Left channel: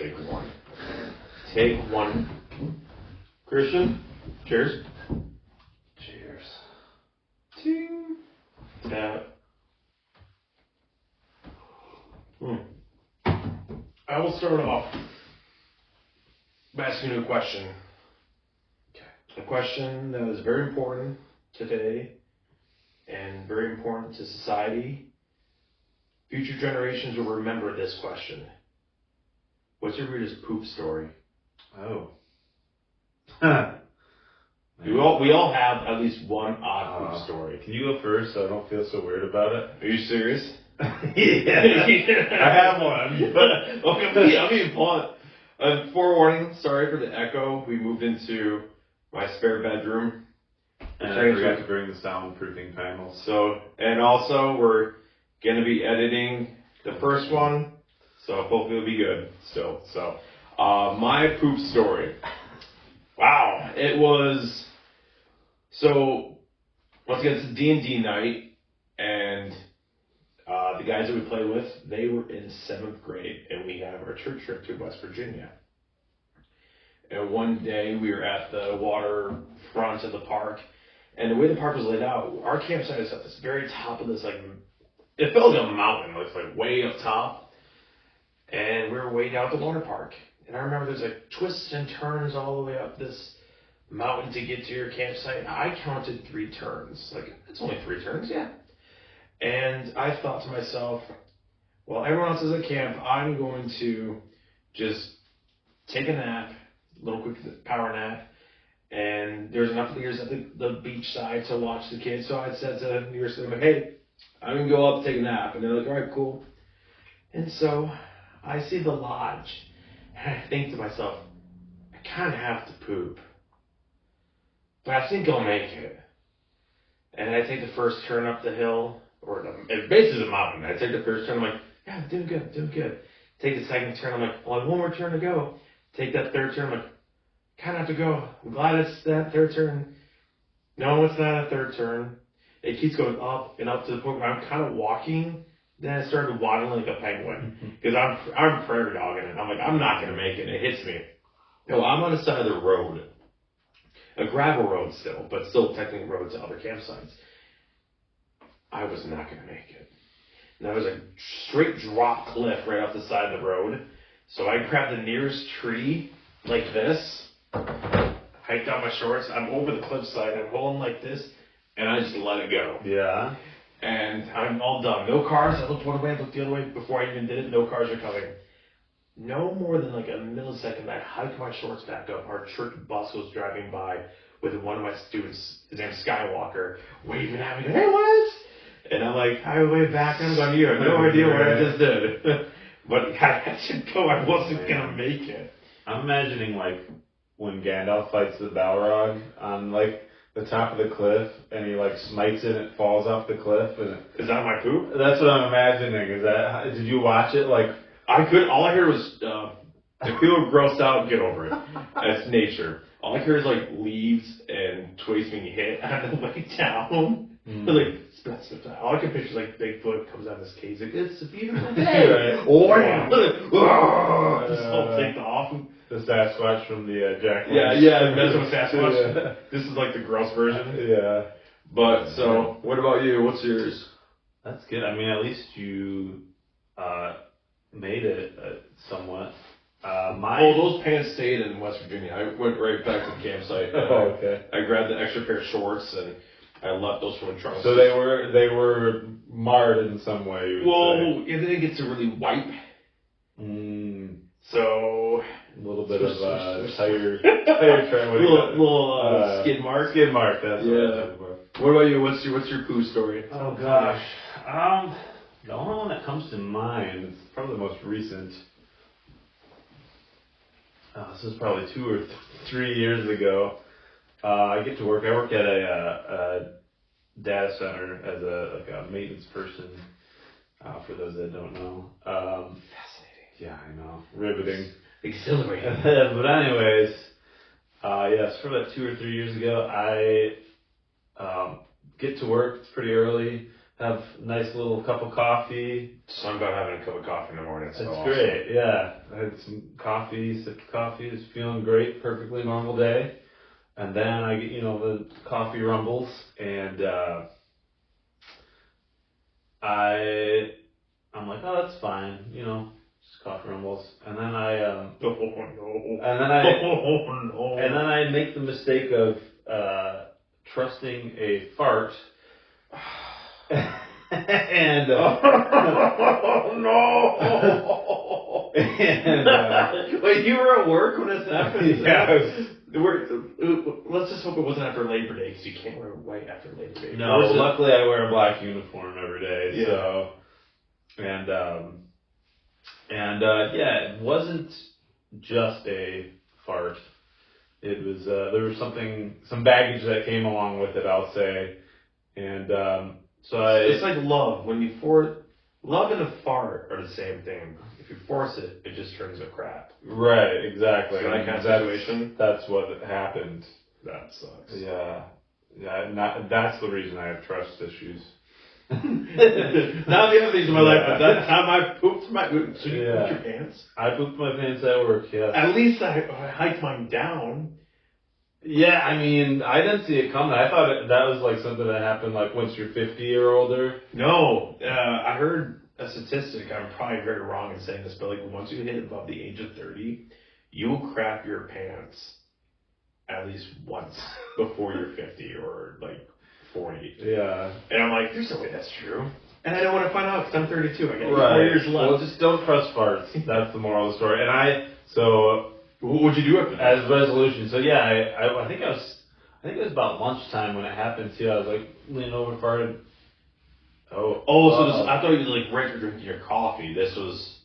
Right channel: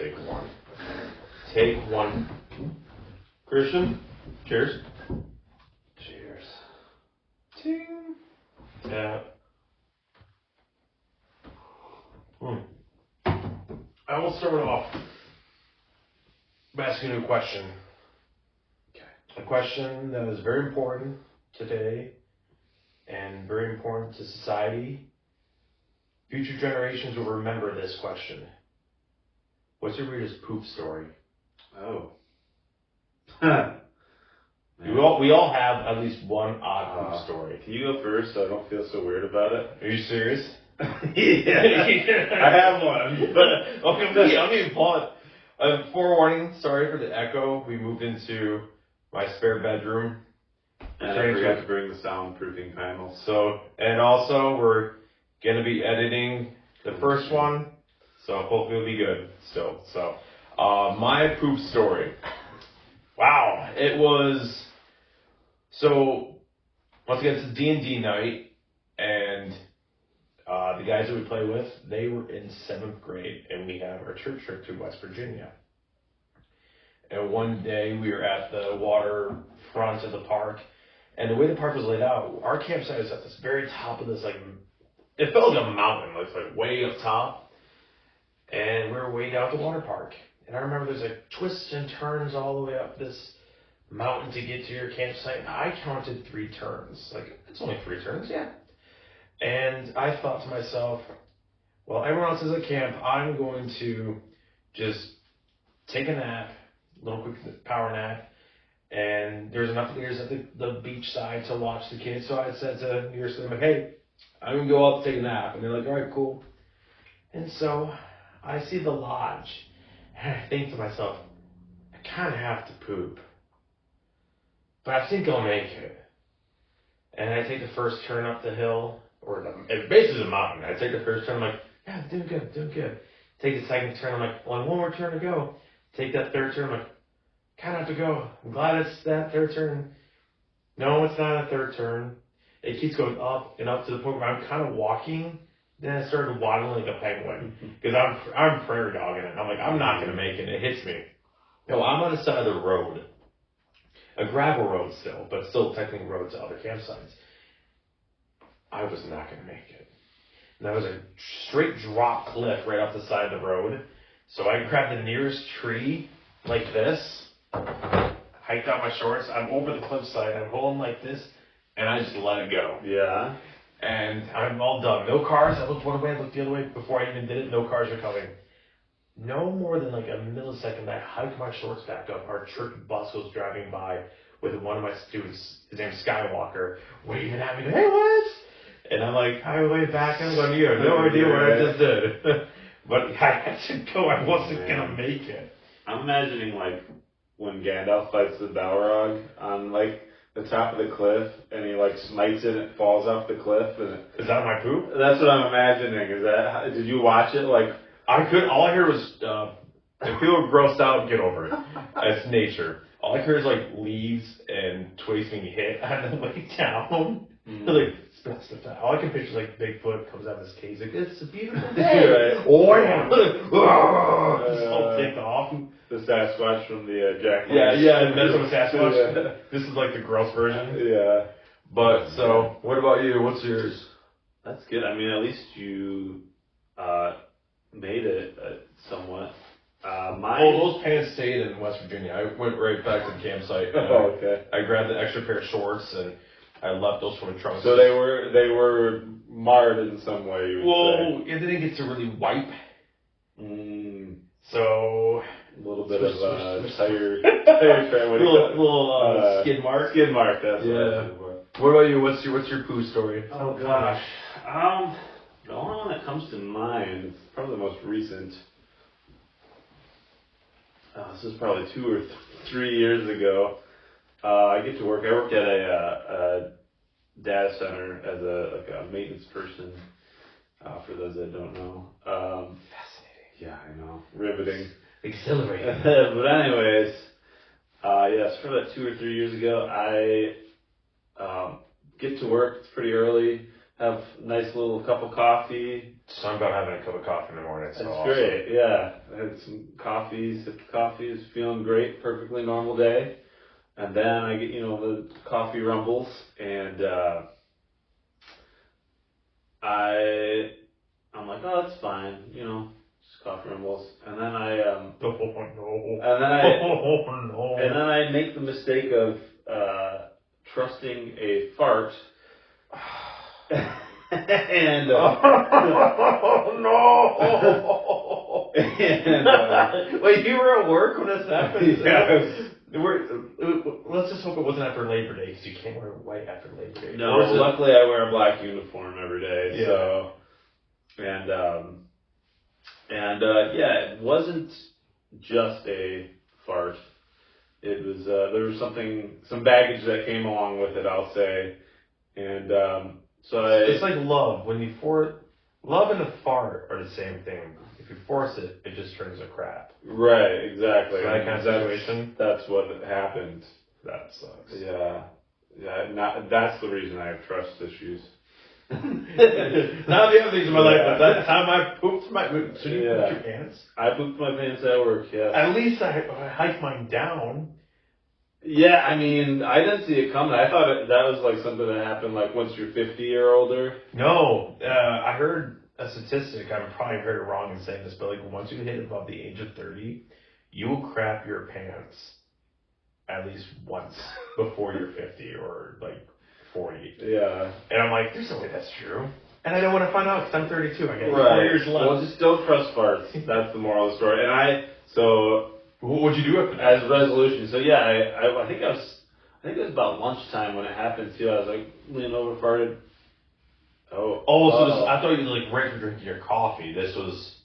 Take one. Take one. Christian, cheers. Cheers. Ting. Yeah. I will start off by asking you a question. Okay. A question that is very important today and very important to society. Future generations will remember this question. What's your weirdest poop story? Oh. We all have at least one odd poop story. Can you go first so I don't feel so weird about it? Are you serious? Yeah. I have one. But Okay, I'm being blunt. Forewarning, sorry for the echo. We moved into my spare bedroom. And I forgot to bring the soundproofing panel. So, and also we're gonna be editing the first one, so hopefully it'll be good still. So, my poop story. Wow, it was. So, once again, it's a D&D night, and the guys that we play with, they were in 7th grade, and we have our church trip to West Virginia. And one day we were at the waterfront of the park, and the way the park was laid out, our campsite is at this very top of this, like, it felt like a mountain, like way up top, and we were way down at the water park. And I remember there's like twists and turns all the way up this mountain to get to your campsite. I counted 3 turns, like, it's only 3 turns, yeah. And I thought to myself, well, everyone else is at camp, I'm going to just take a nap, a little quick power nap, and there's enough leaders at the beach side to watch the kids. So I said to the nearest of them, hey, I'm going to go up, take a nap. And they're like, all right, cool. And so I see the lodge, and I think to myself, I kind of have to poop, but I think I'll make it. And I take the first turn up the hill, or it's basically a mountain. I take the first turn, I'm like, yeah, doing good. Take the second turn, I'm like, only one more turn to go. Take that third turn, I'm like, kind of have to go. I'm glad it's that third turn. No, it's not a third turn. It keeps going up and up to the point where I'm kind of walking. Then I started waddling like a penguin because I'm prairie dogging it. I'm like, I'm not gonna make it. It hits me. No, I'm on the side of the road, a gravel road still, but still technically roads to other campsites. I was not gonna make it. And there was a straight drop cliff right off the side of the road. So I grabbed the nearest tree like this, hiked out my shorts. I'm over the cliffside. I'm holding like this, and I just let it go. Yeah. And I'm all done. No cars. I looked one way, I looked the other way before I even did it. No cars are coming. No more than like a millisecond, I hiked my shorts back up. Our church bus was driving by with one of my students, his name's Skywalker, waving at me, hey, what? And I'm like, I wave back, I'm going, you have no idea what I just did. But I had to go. I wasn't going to make it. I'm imagining like when Gandalf fights the Balrog on like the top of the cliff, and he like smites it, and it falls off the cliff. And is that my poop? That's what I'm imagining. Is that? Did you watch it? Like I could. All I heard was if people were grossed out, get over it. It's nature. All I heard is like leaves and twigs being hit, and then like down. Like all I can picture is like Bigfoot comes out of his cage, like it's a beautiful day. Right. Oh yeah, this whole thing off. The Sasquatch from the Jack Lynch. Yeah, that's from Sasquatch. Yeah. This is like the gross version. Yeah. But so, what about you? What's yours? That's good. I mean, at least you made it somewhat. Those pants stayed in West Virginia. I went right back to the campsite. Oh, okay. I grabbed the extra pair of shorts and I left those swimming trunks. So they were marred in some way. You would say. It didn't get to really wipe. So a little bit of tire track. Little skid mark. Skid mark. That's What about you? What's your poo story? Oh gosh. The only one that comes to mind, it's probably the most recent. This was probably 2 or 3 years ago. I get to work. I work at a data center as a maintenance person. For those that don't know. Fascinating. Yeah, I know. Riveting. Exhilarating. But anyways, yes, for that 2 or 3 years ago, I get to work. It's pretty early. have a nice little cup of coffee. So I'm about having a cup of coffee in the morning. That's So great. Yeah, I had some coffee, sipped coffee, was feeling great, perfectly normal day. And then I get, the coffee rumbles, and I'm like, oh, that's fine, just coffee rumbles. And then and then I make the mistake of trusting a fart. And no! And wait, you were at work when this happened? Yeah. Let's just hope it wasn't after Labor Day, because you can't wear white after Labor Day. No, luckily I wear a black uniform every day. Yeah. So, yeah, it wasn't just a fart. It was there was some baggage that came along with it, I'll say, and so it's like love. When you love and a fart are the same thing. If you force it, it just turns to crap. Right, exactly. So that kind of situation. That's what happened. That sucks. Yeah. That's the reason I have trust issues. Now the other things in my life, but that's how I pooped my poop. So you pooped your pants? I pooped my pants at work, yeah. At least I hiked mine down. Yeah, I mean, I didn't see it coming. I thought that was like something that happened like once you're 50 or older. No, I heard a statistic. I'm probably very wrong in saying this, but like once you hit above the age of 30, you will crap your pants at least once before you're 50 or like 40. Yeah. And I'm like, there's no way that's true. And I don't want to find out because I'm 32. I got 4 Right. years left. Well, just don't trust farts. That's the moral of the story. And What'd you do as a resolution? So yeah, I think it was about lunchtime when it happened too. I was like leaning over, farted. So I thought you like right after drinking your coffee. This was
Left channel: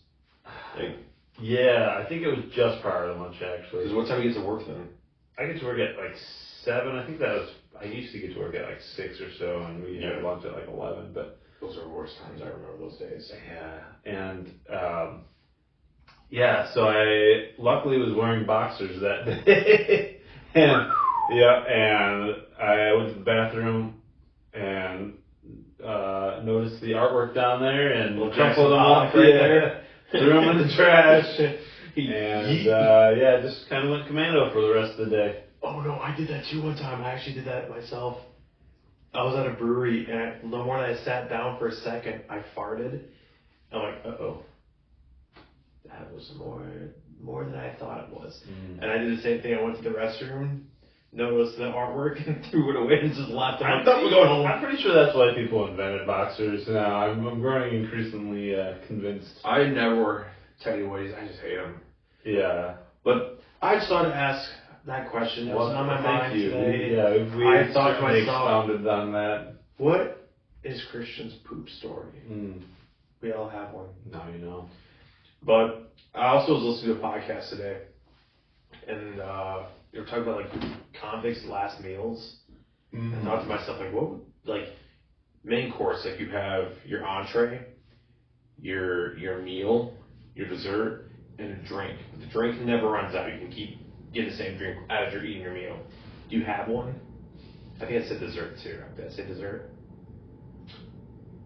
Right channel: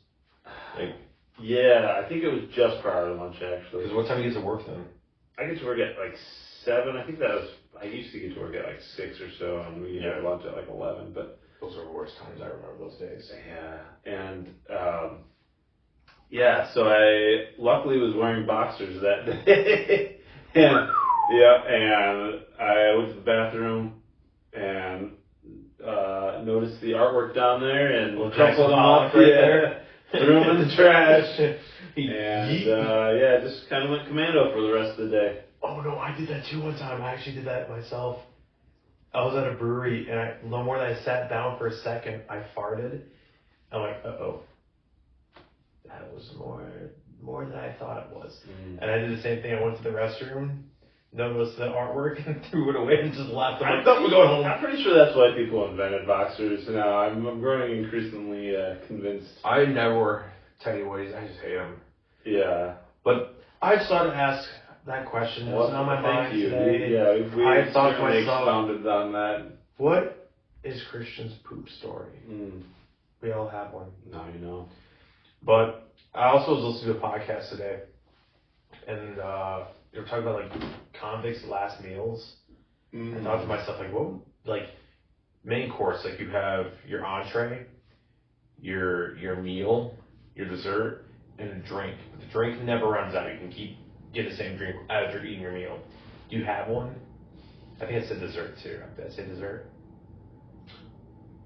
like. Yeah, I think it was just prior to lunch actually. Because what time do you get to work then? I get to work at like 7. I think I used to get to work at like 6 or so, and we had lunch at like 11. But those are the worst times. I remember those days. Yeah, and so I luckily was wearing boxers that day, and I went to the bathroom and noticed the artwork down there and crumpled them up. Threw them in the trash. And just kind of went commando for the rest of the day. Oh no, I did that too one time. I actually did that myself. I was at a brewery and no more than I sat down for a second, I farted. I'm like, uh-oh. That was more than I thought it was. Mm-hmm. And I did the same thing. I went to the restroom, noticed the artwork, and threw it away and just left. I'm going home. I'm pretty sure that's why people invented boxers. Now I'm growing increasingly convinced. I never wear tidy whities. I just hate them. Yeah. But I started to ask that question. It wasn't on my mind today. We certainly expounded on that. What is Christian's poop story? Mm. We all have one. Now you know. But I also was listening to a podcast today, and they were talking about like convicts' last meals. Mm-hmm. And I thought to myself, like, what? Like main course, like you have your entree, your meal, your dessert, and a drink. The drink never runs out. You can keep getting the same drink as you're eating your meal. Do you have one? I think I said dessert too. Did I say dessert?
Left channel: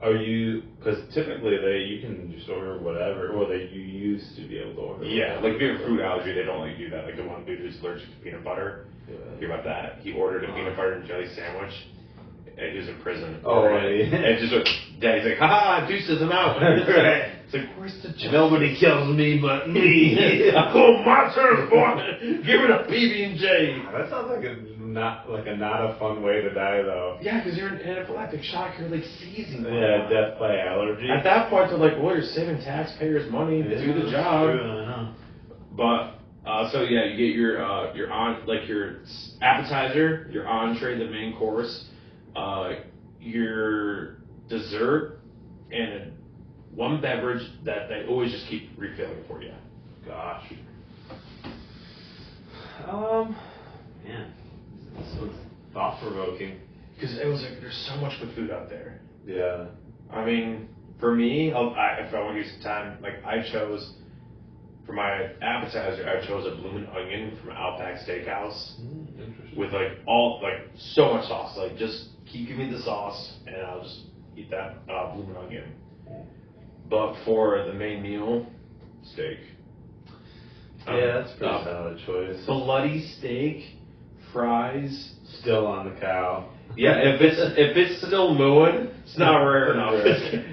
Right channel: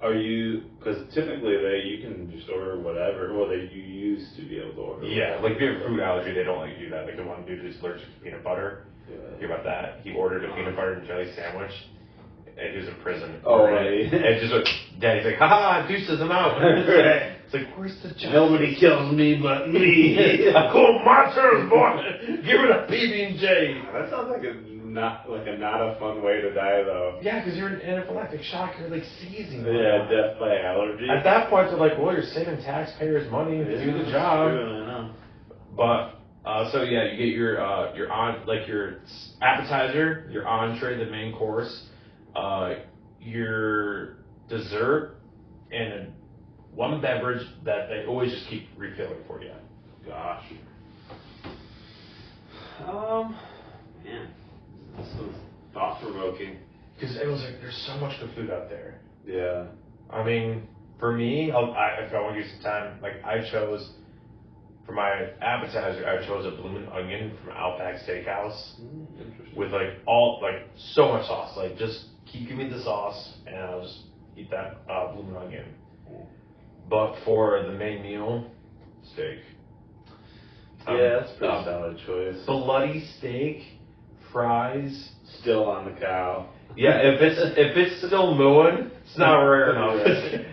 Are you? Because typically you can just order whatever. Well, you used to be able to order. Yeah, like if you have a food allergy, they don't let you do that. Like the one dude who's allergic to peanut butter. Yeah. Hear about that? He ordered a peanut butter and jelly sandwich. And he was in prison. Oh, right. And just Daddy's like, ha, deuces, I'm out. Right. It's like, where's the justice? Nobody kills me but me. I call monsters, boy. Give it a PB&J. That sounds like not a fun way to die, though. Yeah, because you're in anaphylactic shock. You're like seizing. Yeah, death by allergy. At that point, they're like, well, you're saving taxpayers' money to do the job. True, I know. But so yeah, you get your appetizer, your entree, the main course, your dessert, and one beverage that they always just keep refilling for you. Gosh. Man, this was thought-provoking. Because it was like, there's so much good food out there. Yeah. I mean, for me, if I want to use some time, like I chose, for my appetizer, I chose a bloomin' onion from Outback Steakhouse. Interesting. With so much sauce. Like just keep giving me the sauce and I'll just eat that blue nugget. But for the main meal, steak. Yeah, that's a pretty solid choice. Bloody steak, fries. Still on the cow. Yeah, if it's still mooing, it's not rare enough.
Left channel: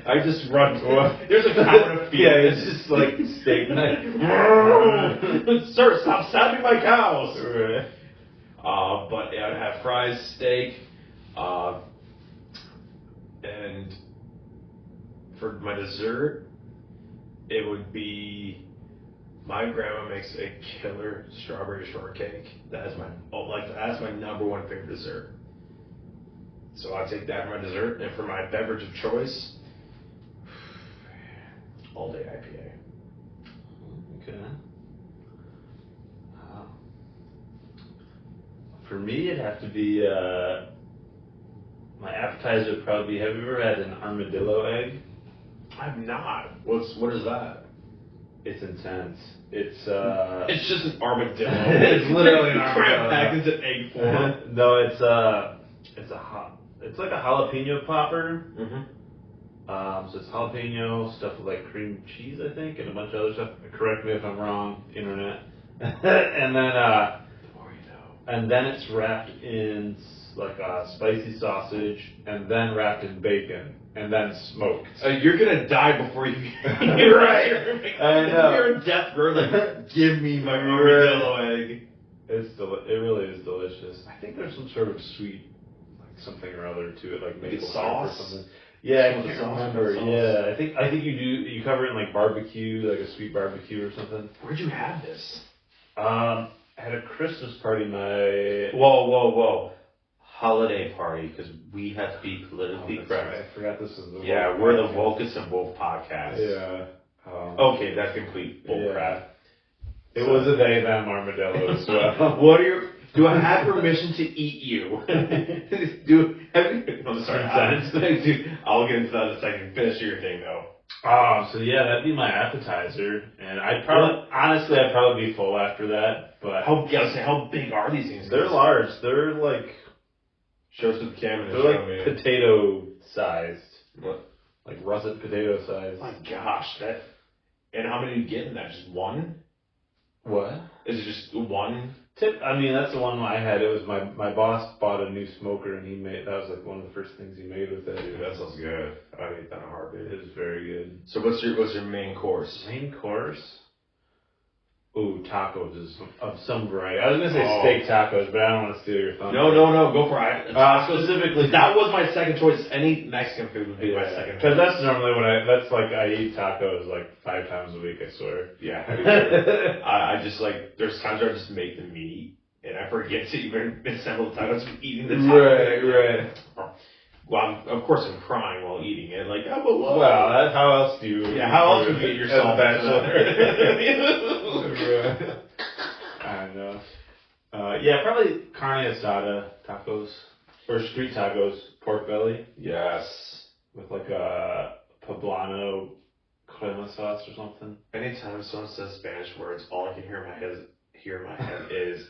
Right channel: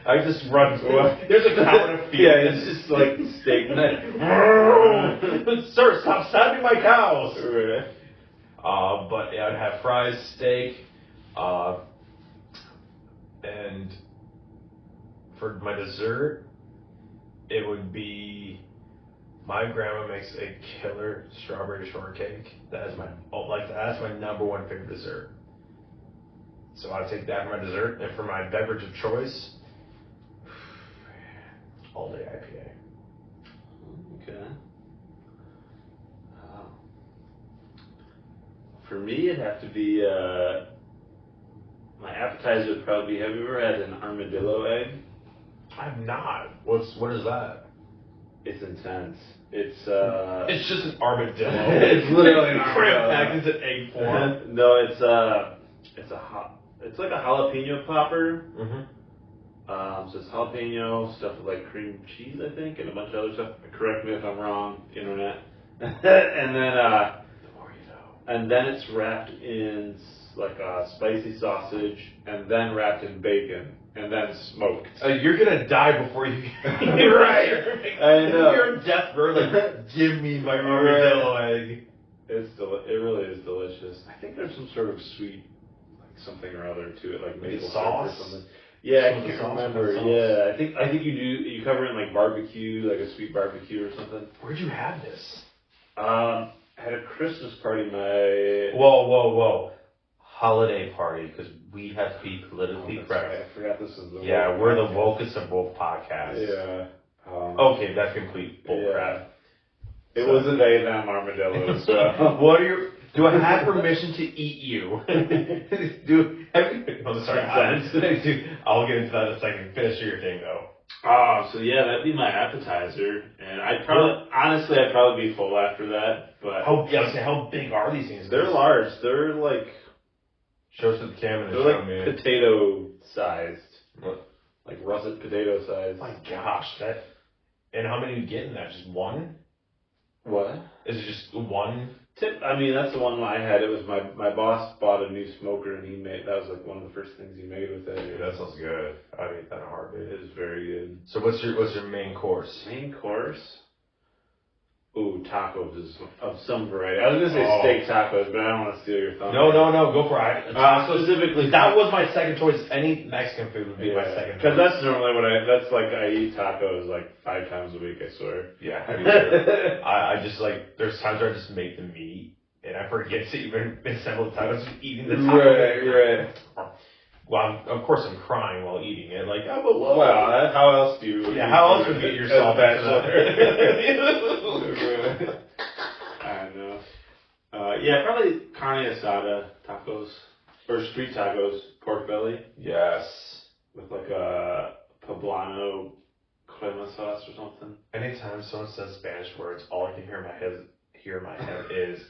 I just run to it. There's a cow in a field. Yeah, it's just like steak night. Sir, stop stabbing my cows. Right. But yeah, I'd have fries, steak, and for my dessert, it would be my grandma makes a killer strawberry shortcake. That is that's my number one favorite dessert. So I'd take that for my dessert, and for my beverage of choice, all day IPA. Okay. For me, it'd have to be my appetizer would probably be. Have you ever had an armadillo egg? I'm not. What is that? It's intense. It's It's just an armadillo. It's literally an armadillo. Packed into egg form. No, it's like a jalapeno popper. Mm-hmm. So it's jalapeno stuffed with like cream cheese, I think, and a bunch of other stuff. Correct me if I'm wrong, internet. And then it's wrapped in like a spicy sausage, and then wrapped in bacon, and then smoked. You're gonna die before you. You're right. I know. You're a death burger. Give me my armadillo egg. It really is delicious. I think there's some sort of sweet, like something or other to it, like maple syrup or something. Yeah, I can't remember. Yeah, I think you cover it in like barbecue, like a sweet barbecue or something. Where'd you have this? I had a Christmas party. Whoa. Holiday party, because we have to be politically correct. Right. I forgot this is the we're the wokest of both podcasts. Yeah. Okay, that's complete bullcrap. It was a day them armadillo as well. Do I have permission to eat you? I'm sorry. I'll get into that in a second. Finish your thing though. So yeah, that'd be my appetizer, and I'd probably be full after that. But how big are these things? They're large. They're like show us the camera. They're like potato sized, like russet potato sized. My gosh, and how many do you get in that? Just one? What? Is it just one? I mean, that's the one I had. It was my boss bought a new smoker, and that was like one of the first things he made with it. Yeah, that sounds good. I'd eat that in a heartbeat. It is very good. So what's your main course? Main course? Ooh, tacos of some variety. I was gonna say steak tacos, but I don't want to steal your thunder. No, go for it. Specifically, that was my second choice. Any Mexican food would be my second choice. Because that's normally I eat tacos like 5 times a week, I swear. Yeah. I just like, there's times where I just make the meat, and I forget to even assemble the tacos from eating the tacos. Right. Well, of course I'm crying while eating it, like, I'm alone. Well, how else do you... Yeah, how else would you get yourself I know. Yeah, probably carne asada tacos, or street tacos, pork belly. Yes. With like a poblano crema sauce or something. Anytime someone says Spanish words, all I can hear in my head is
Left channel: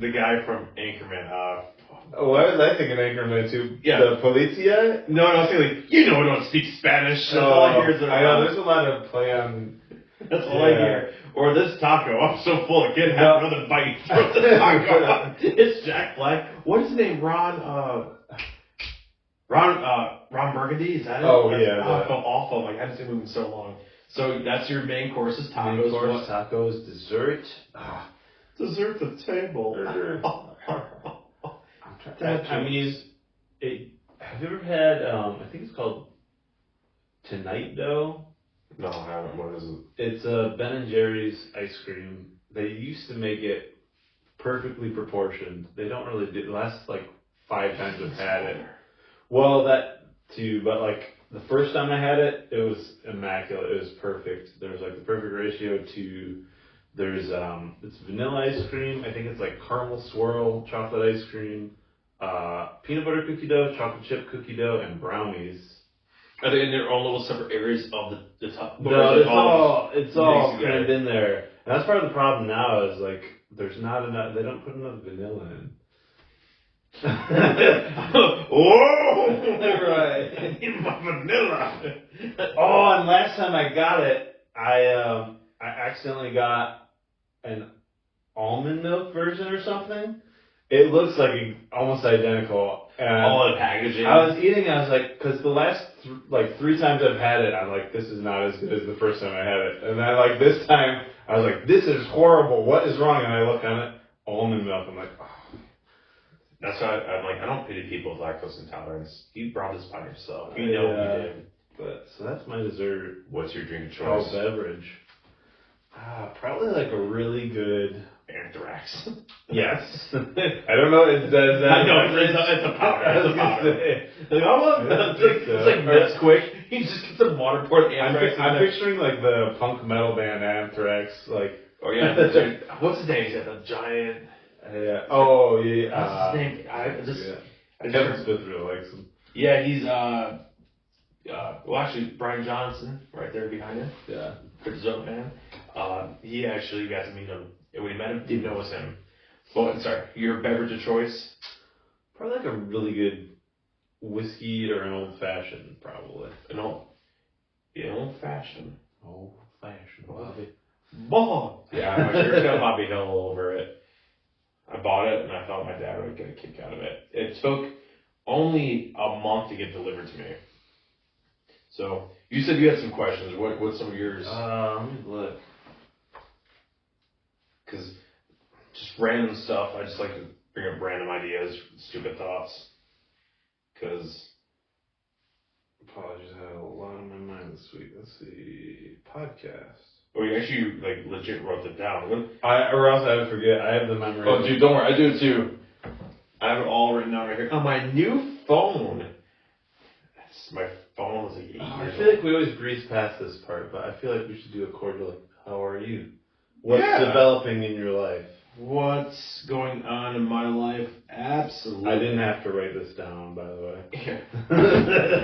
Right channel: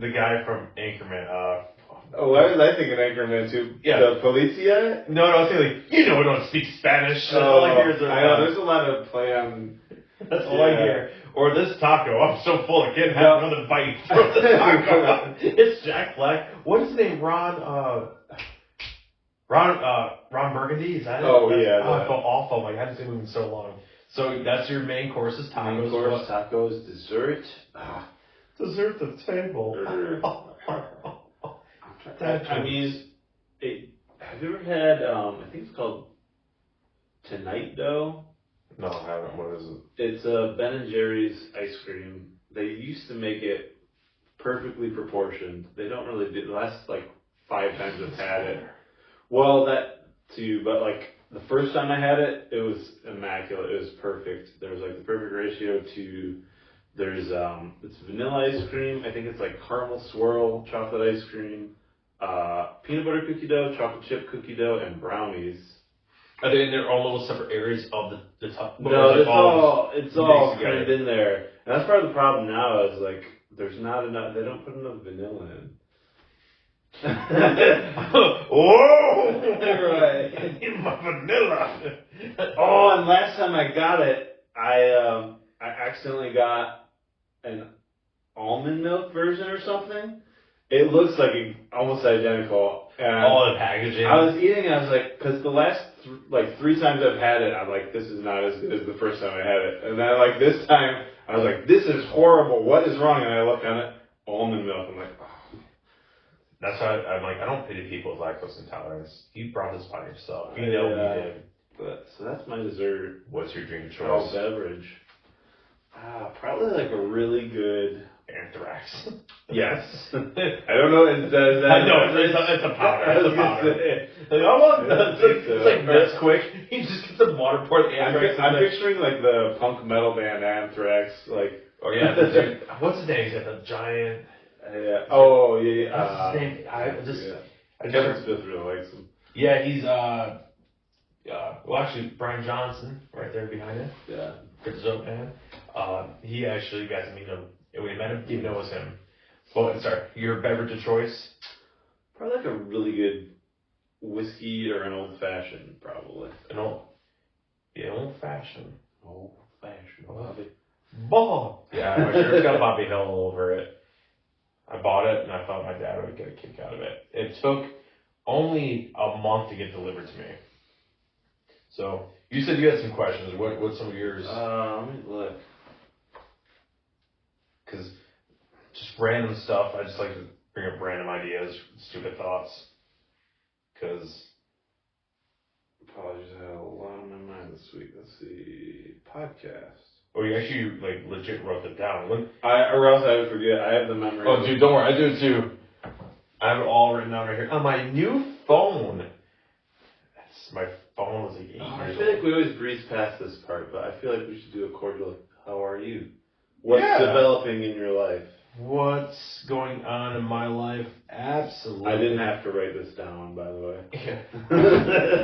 the guy from Anchorman. Why was I thinking Anchorman too? Yeah. The Policia? No, I was thinking, we don't speak Spanish. That's all I hear is I know, there's a lot of play on... That's all I hear. Or this taco, I'm so full, I can't have another bite. Throw the taco. It's Jack Black. What is his name? Ron Burgundy? Is that it? Oh, yeah. I felt awful. Like, I haven't seen him in so long. So that's your main course is tacos. Main course, tacos, dessert. Dessert the table. Have you ever had, I think it's called Tonight Dough? No, I haven't. What is it? It's a Ben & Jerry's ice cream. They used to make it perfectly proportioned. They don't really do the last like 5 times I've had it. Well, that too, but like the first time I had it, it was immaculate. It was perfect. There was like the perfect ratio to it's vanilla ice cream. I think it's like caramel swirl chocolate ice cream, peanut butter cookie dough, chocolate chip cookie dough, and brownies. Are they in their own little separate areas of the top? No, it's all crammed in there. And that's part of the problem now is like there's not enough. They don't put enough vanilla in. Whoa! Right. I need my vanilla. Oh, and last time I got it, I accidentally got an almond milk version or something. It looks like almost identical. And All the packaging. I was eating, and I was like, because the last three times I've had it, I'm like, this is not as good as the first time I had it. And then like this time, I was like, this is horrible. What is wrong? And I looked on it, almond milk. I'm like, oh. That's why I'm like, I don't pity people with lactose intolerance. You brought this by yourself. You know what you did. But so that's my dessert. What's your drink of Oh, choice? beverage. Probably like a really good. Anthrax. Yes. I don't know. Is that I know, it's a powder. It's a powder. I love that. It's like that's quick. You just get some water, pour the Anthrax. I'm picturing like the punk metal band Anthrax, like. Oh yeah, the dude, what's his name? He's a giant. Yeah. Oh yeah. What's his name? I Kevin Smith really likes him. Yeah, he's well actually Brian Johnson right there behind him. Yeah. Good Zope man. He actually got to meet him, and we met him. Didn't know it was him. Well, sorry, your beverage of choice? Probably like a really good whiskey or an old fashioned, probably. An old fashioned. Old fashioned, Bobby. Ball. Yeah, I'm sure it's got Bobby Hill all over it. I bought it, and I thought my dad would get a kick out of it. It took only a month to get delivered to me. So, you said you had some questions. What's some of yours? Let me look. Because just random stuff. I just like to bring up random ideas, stupid thoughts. Because Apologies, I had a lot on my mind this week. Let's see. Podcast. oh, you actually like legit wrote it down. Or else I would forget. I have the memory. Oh, dude, don't worry. I do it too. I have it all written down right here on my new phone. My phone is like 8 I years feel like we always breeze past this part, but I feel like we should do a cordial, like, how are you? What's Yeah. developing in your life? What's going on in my life? Absolutely. I didn't have to write this down, by the way.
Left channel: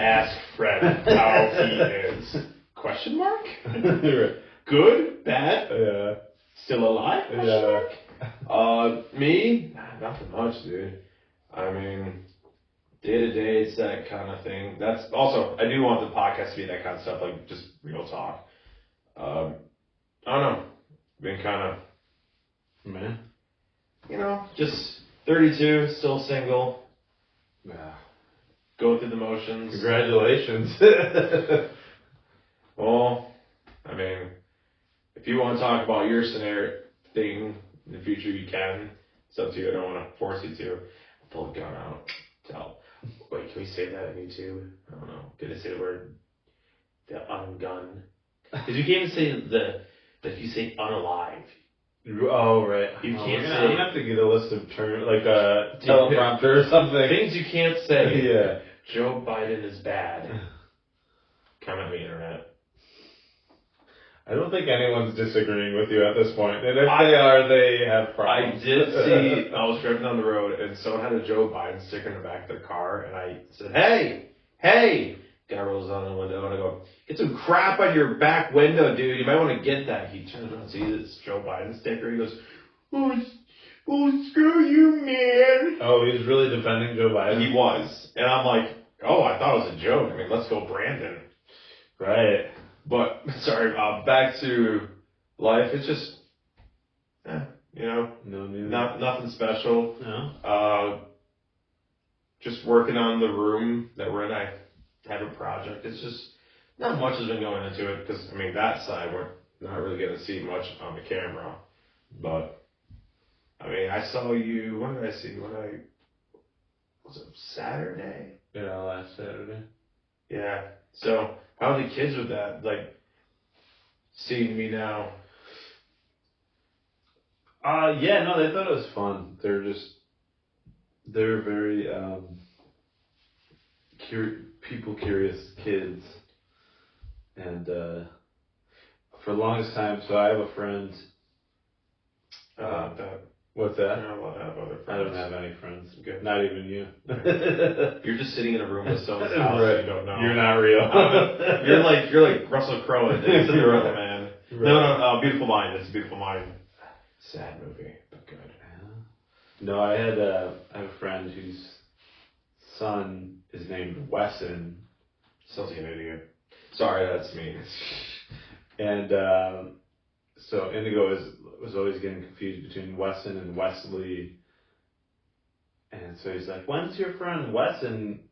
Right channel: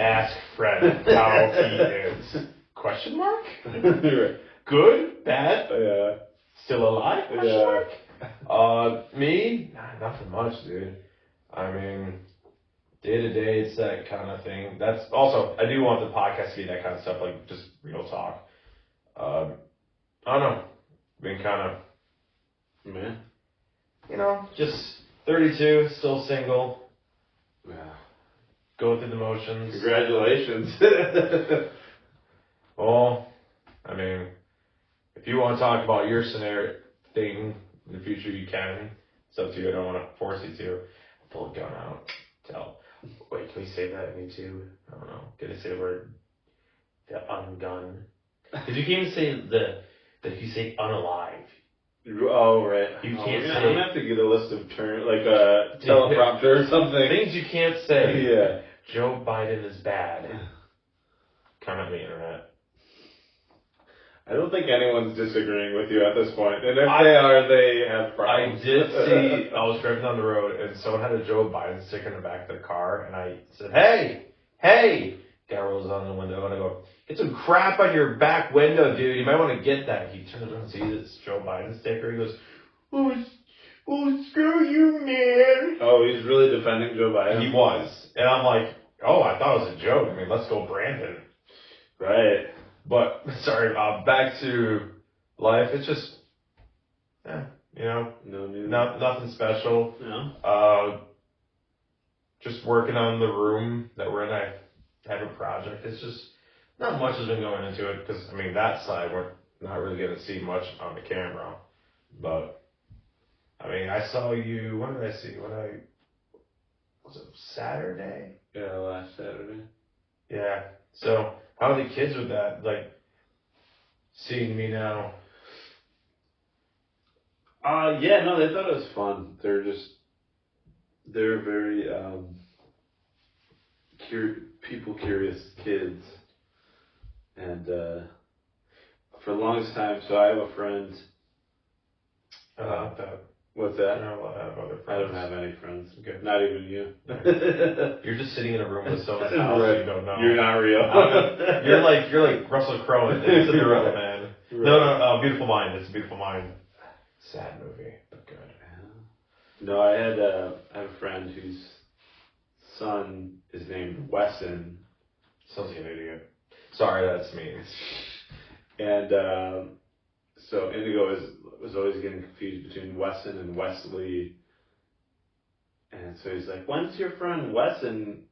Ask Fred how he is. Question mark? Good? Bad? Yeah. Still alive? Question Yeah. mark? Me? Nothing much, dude. I mean, day to day, it's that kind of thing. That's also, I do want the podcast to be that kind of stuff, like just real talk. I don't know. Been kind of, Man. you know, just 32, still single, Yeah. go through the motions. Congratulations. Well, I mean, if you want to talk about your scenario thing in the future, you can. It's up to you. I don't want to force you to. Pull a gun out. Tell. Wait, can we say that on YouTube? I don't know. Can I say the word? The ungun. Did you even say that you say unalive? Oh, right. You can't I'm say- gonna have to get a list of terms, like a teleprompter or something. Things you can't say. Yeah. Joe Biden is bad. Comment on the internet. I don't think anyone's disagreeing with you at this point. And if they are, they have I problems. did see, I was driving on the road and someone had a Joe Biden sticker in the back of their car and I said, hey! Guy rolls on the window and I go, get some crap on your back window, dude. You might want to get that. He turns around and sees this Joe Biden sticker. He goes, oh, screw you, man. Oh, he's really defending Joe Biden? He was. And I'm like, oh, I thought it was a joke. I mean, let's go, Brandon. Right. But, sorry, back to life. It's just, you know, No new. nothing special. No. Just working on the room that we're in. I have a project. It's just, not much has been going into it because, I mean, that side we're not really going to see much on the camera. But, I mean, I saw you, when did I see you? Was it Saturday? Yeah, last Saturday. Yeah. So, how are the kids with that? Like, seeing me now? Yeah, no, they thought it was fun. They're very, people curious kids. And, for the longest time, so I have a friend. What's that? I don't have any friends. Good. Not even you. You're just sitting in a room with someone's house Right. you don't know. You're not real. You're like Russell Crowe in Into the Road, man. Right. No, Beautiful Mind. It's a Beautiful Mind. Sad movie, but good. No, I had a friend whose son is named Wesson. Sounds like an idiot. Sorry, that's me. And so Indigo was always getting confused between Wesson and Wesley. And so he's like, when's your friend Wesson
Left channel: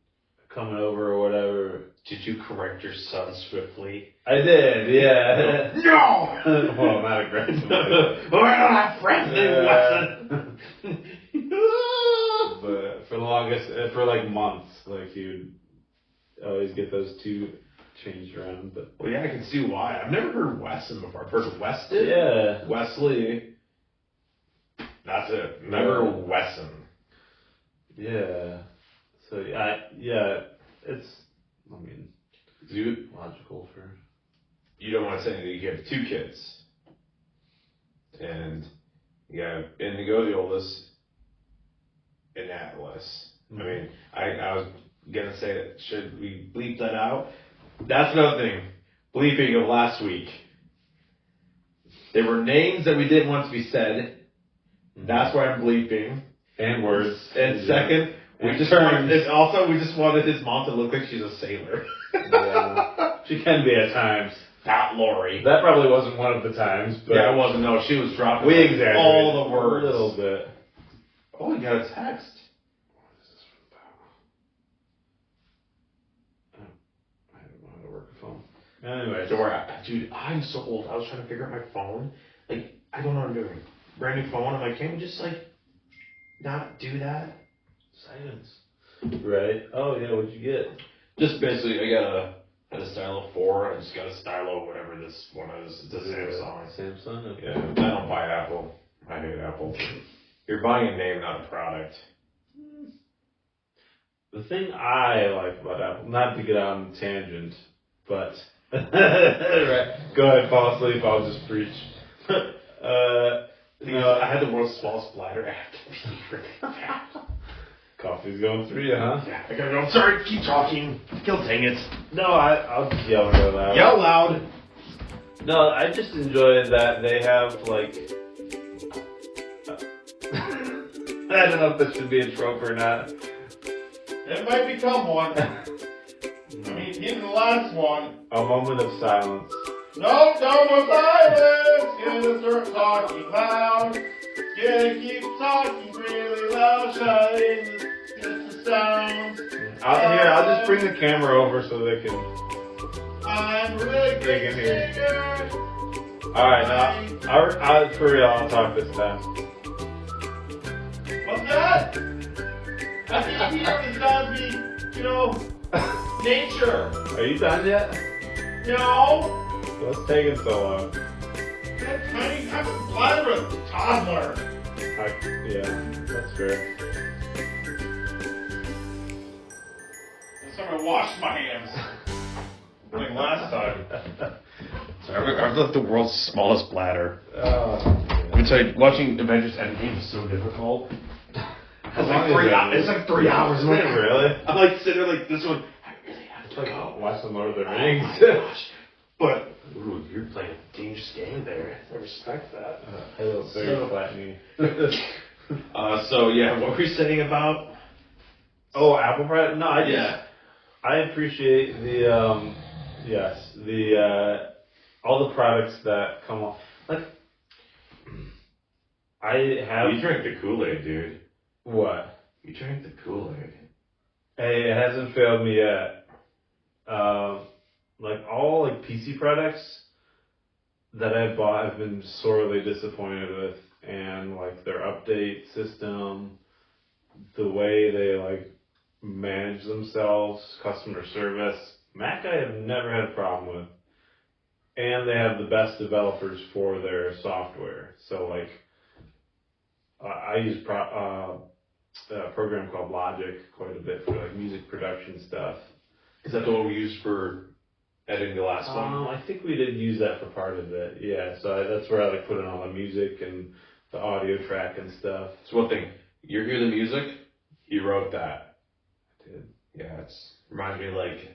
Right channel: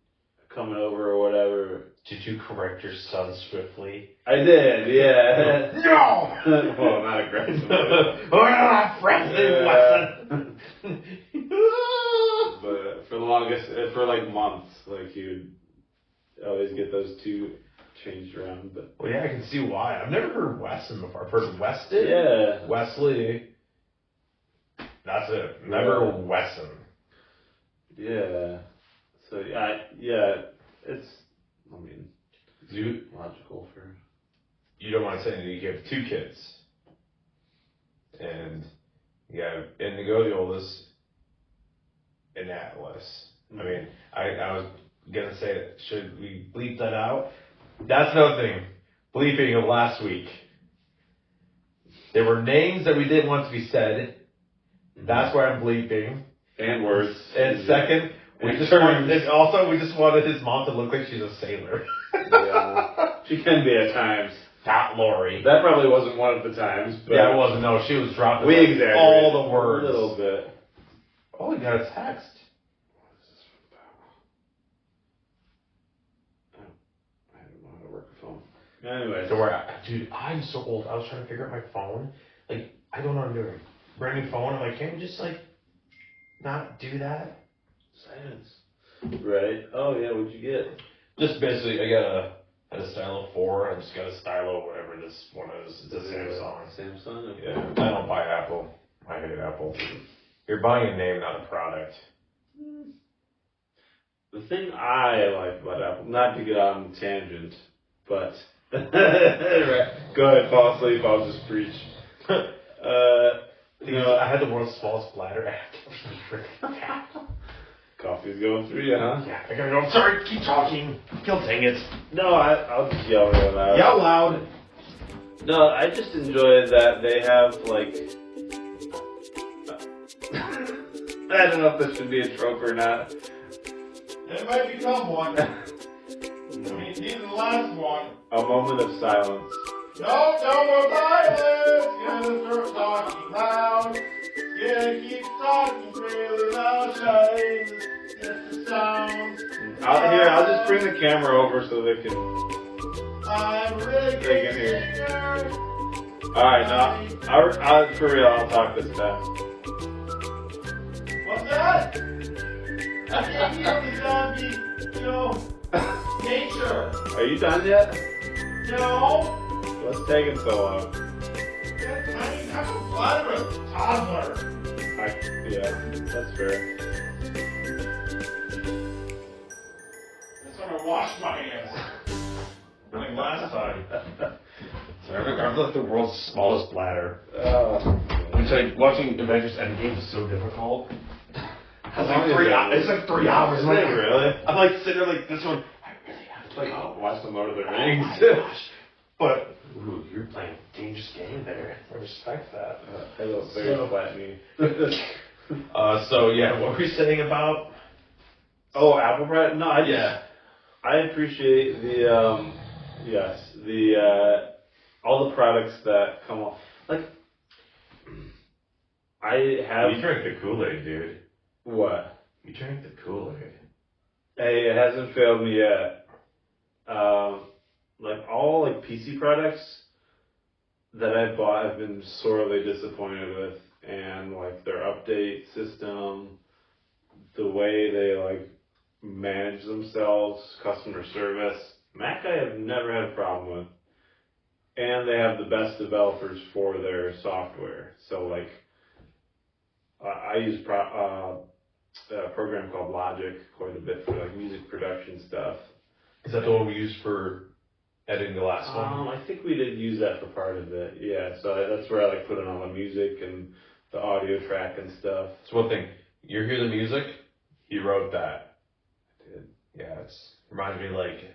coming over or whatever? Did you correct your son swiftly? I did, yeah. No! Well, not aggressively. We're not friends Yeah. But for the longest, for like months, like he would always get those two changed around. But Well, yeah, I can see why. I've never heard Wesson before. I've heard Weston. yeah, Wesley. That's it. Never Yeah. Wesson. yeah. So it's, I mean, logical for. You don't want to say that you have 2 kids. And you have Indigo, the oldest, in Atlas. I mean, I was going to say that, should we bleep that out? That's another thing. Bleeping of last week. There were names that we didn't want to be said. That's why I'm bleeping. And words. And second, we just wanted his mom to look like she's a sailor. Yeah. She can be at times. Not Lori. That probably wasn't one of the times, but Yeah, it wasn't. No, she was dropping we exaggerated all the words. a little bit. Oh, we got a text. I don't know how to work a phone. Anyway, Dora, dude, I'm so old. I was trying to figure out my phone. Like, I don't know how to do a brand new phone. I'm like, can't we just like not do that? silence. Right. Oh yeah, what'd you get? Just basically, I got a Stylo 4, and I just got a Stylo, whatever this one is. It's a Samsung. Samsung. Okay. Yeah, I don't buy Apple. I hate Apple. You're buying a name, not a product. The thing I like about Apple, not to get on a tangent, but right. Go ahead, fall asleep. I'll just preach. I had the world's smallest bladder. Coffee's going through you, huh? Yeah, I gotta go. I'm sorry, keep talking. Guilt, dang it. No, I'll just yell real loud. Yell loud. No, I just enjoy that they have like. I don't know if this should be a trope or not. It might become one. I mean, even the last one. A moment of silence. No silence. Gonna start talking loud. Gonna keep talking really loud. Shine just the sound. I'll just bring the camera over so they can. I'm really They can good hear. singer. Alright, now, for real, I'll talk this time. What's that? I can't hear the zombie, nature. Are you done yet? No. What's taking so long? I'm a bladder of a toddler. Yeah, that's fair. That's how I wash my hands. Like last time. So I've got the world's smallest bladder. Let me tell you, watching Avengers Endgame is so difficult. It's like 3 hours. Is it really? I'm like sitting there like this one. I really have to go. Watch the Lord of the Oh Rings. my gosh. But, ooh, you're playing a dangerous game there. I respect that. I will very flattening. So yeah, what were you saying about? Oh, apple pie? No, I appreciate the all the products that come off. Like, I have. You drank the Kool-Aid, dude. What? You drank the Kool-Aid. Hey, it hasn't failed me yet. Like all like PC products that I've bought, I've been sorely disappointed with, and like their update system, the way they like manage themselves, customer service. Mac I have never had a problem with, and they have the best developers for their software. So like, I use a program called Logic quite a bit for like music production stuff. Is that the one we used for editing the last one? I think we did use that for part of it. Yeah, so that's where I like put in all the music and the audio track and stuff. So one thing, you hear the music? He wrote that. I did. Yeah, it's reminds me of like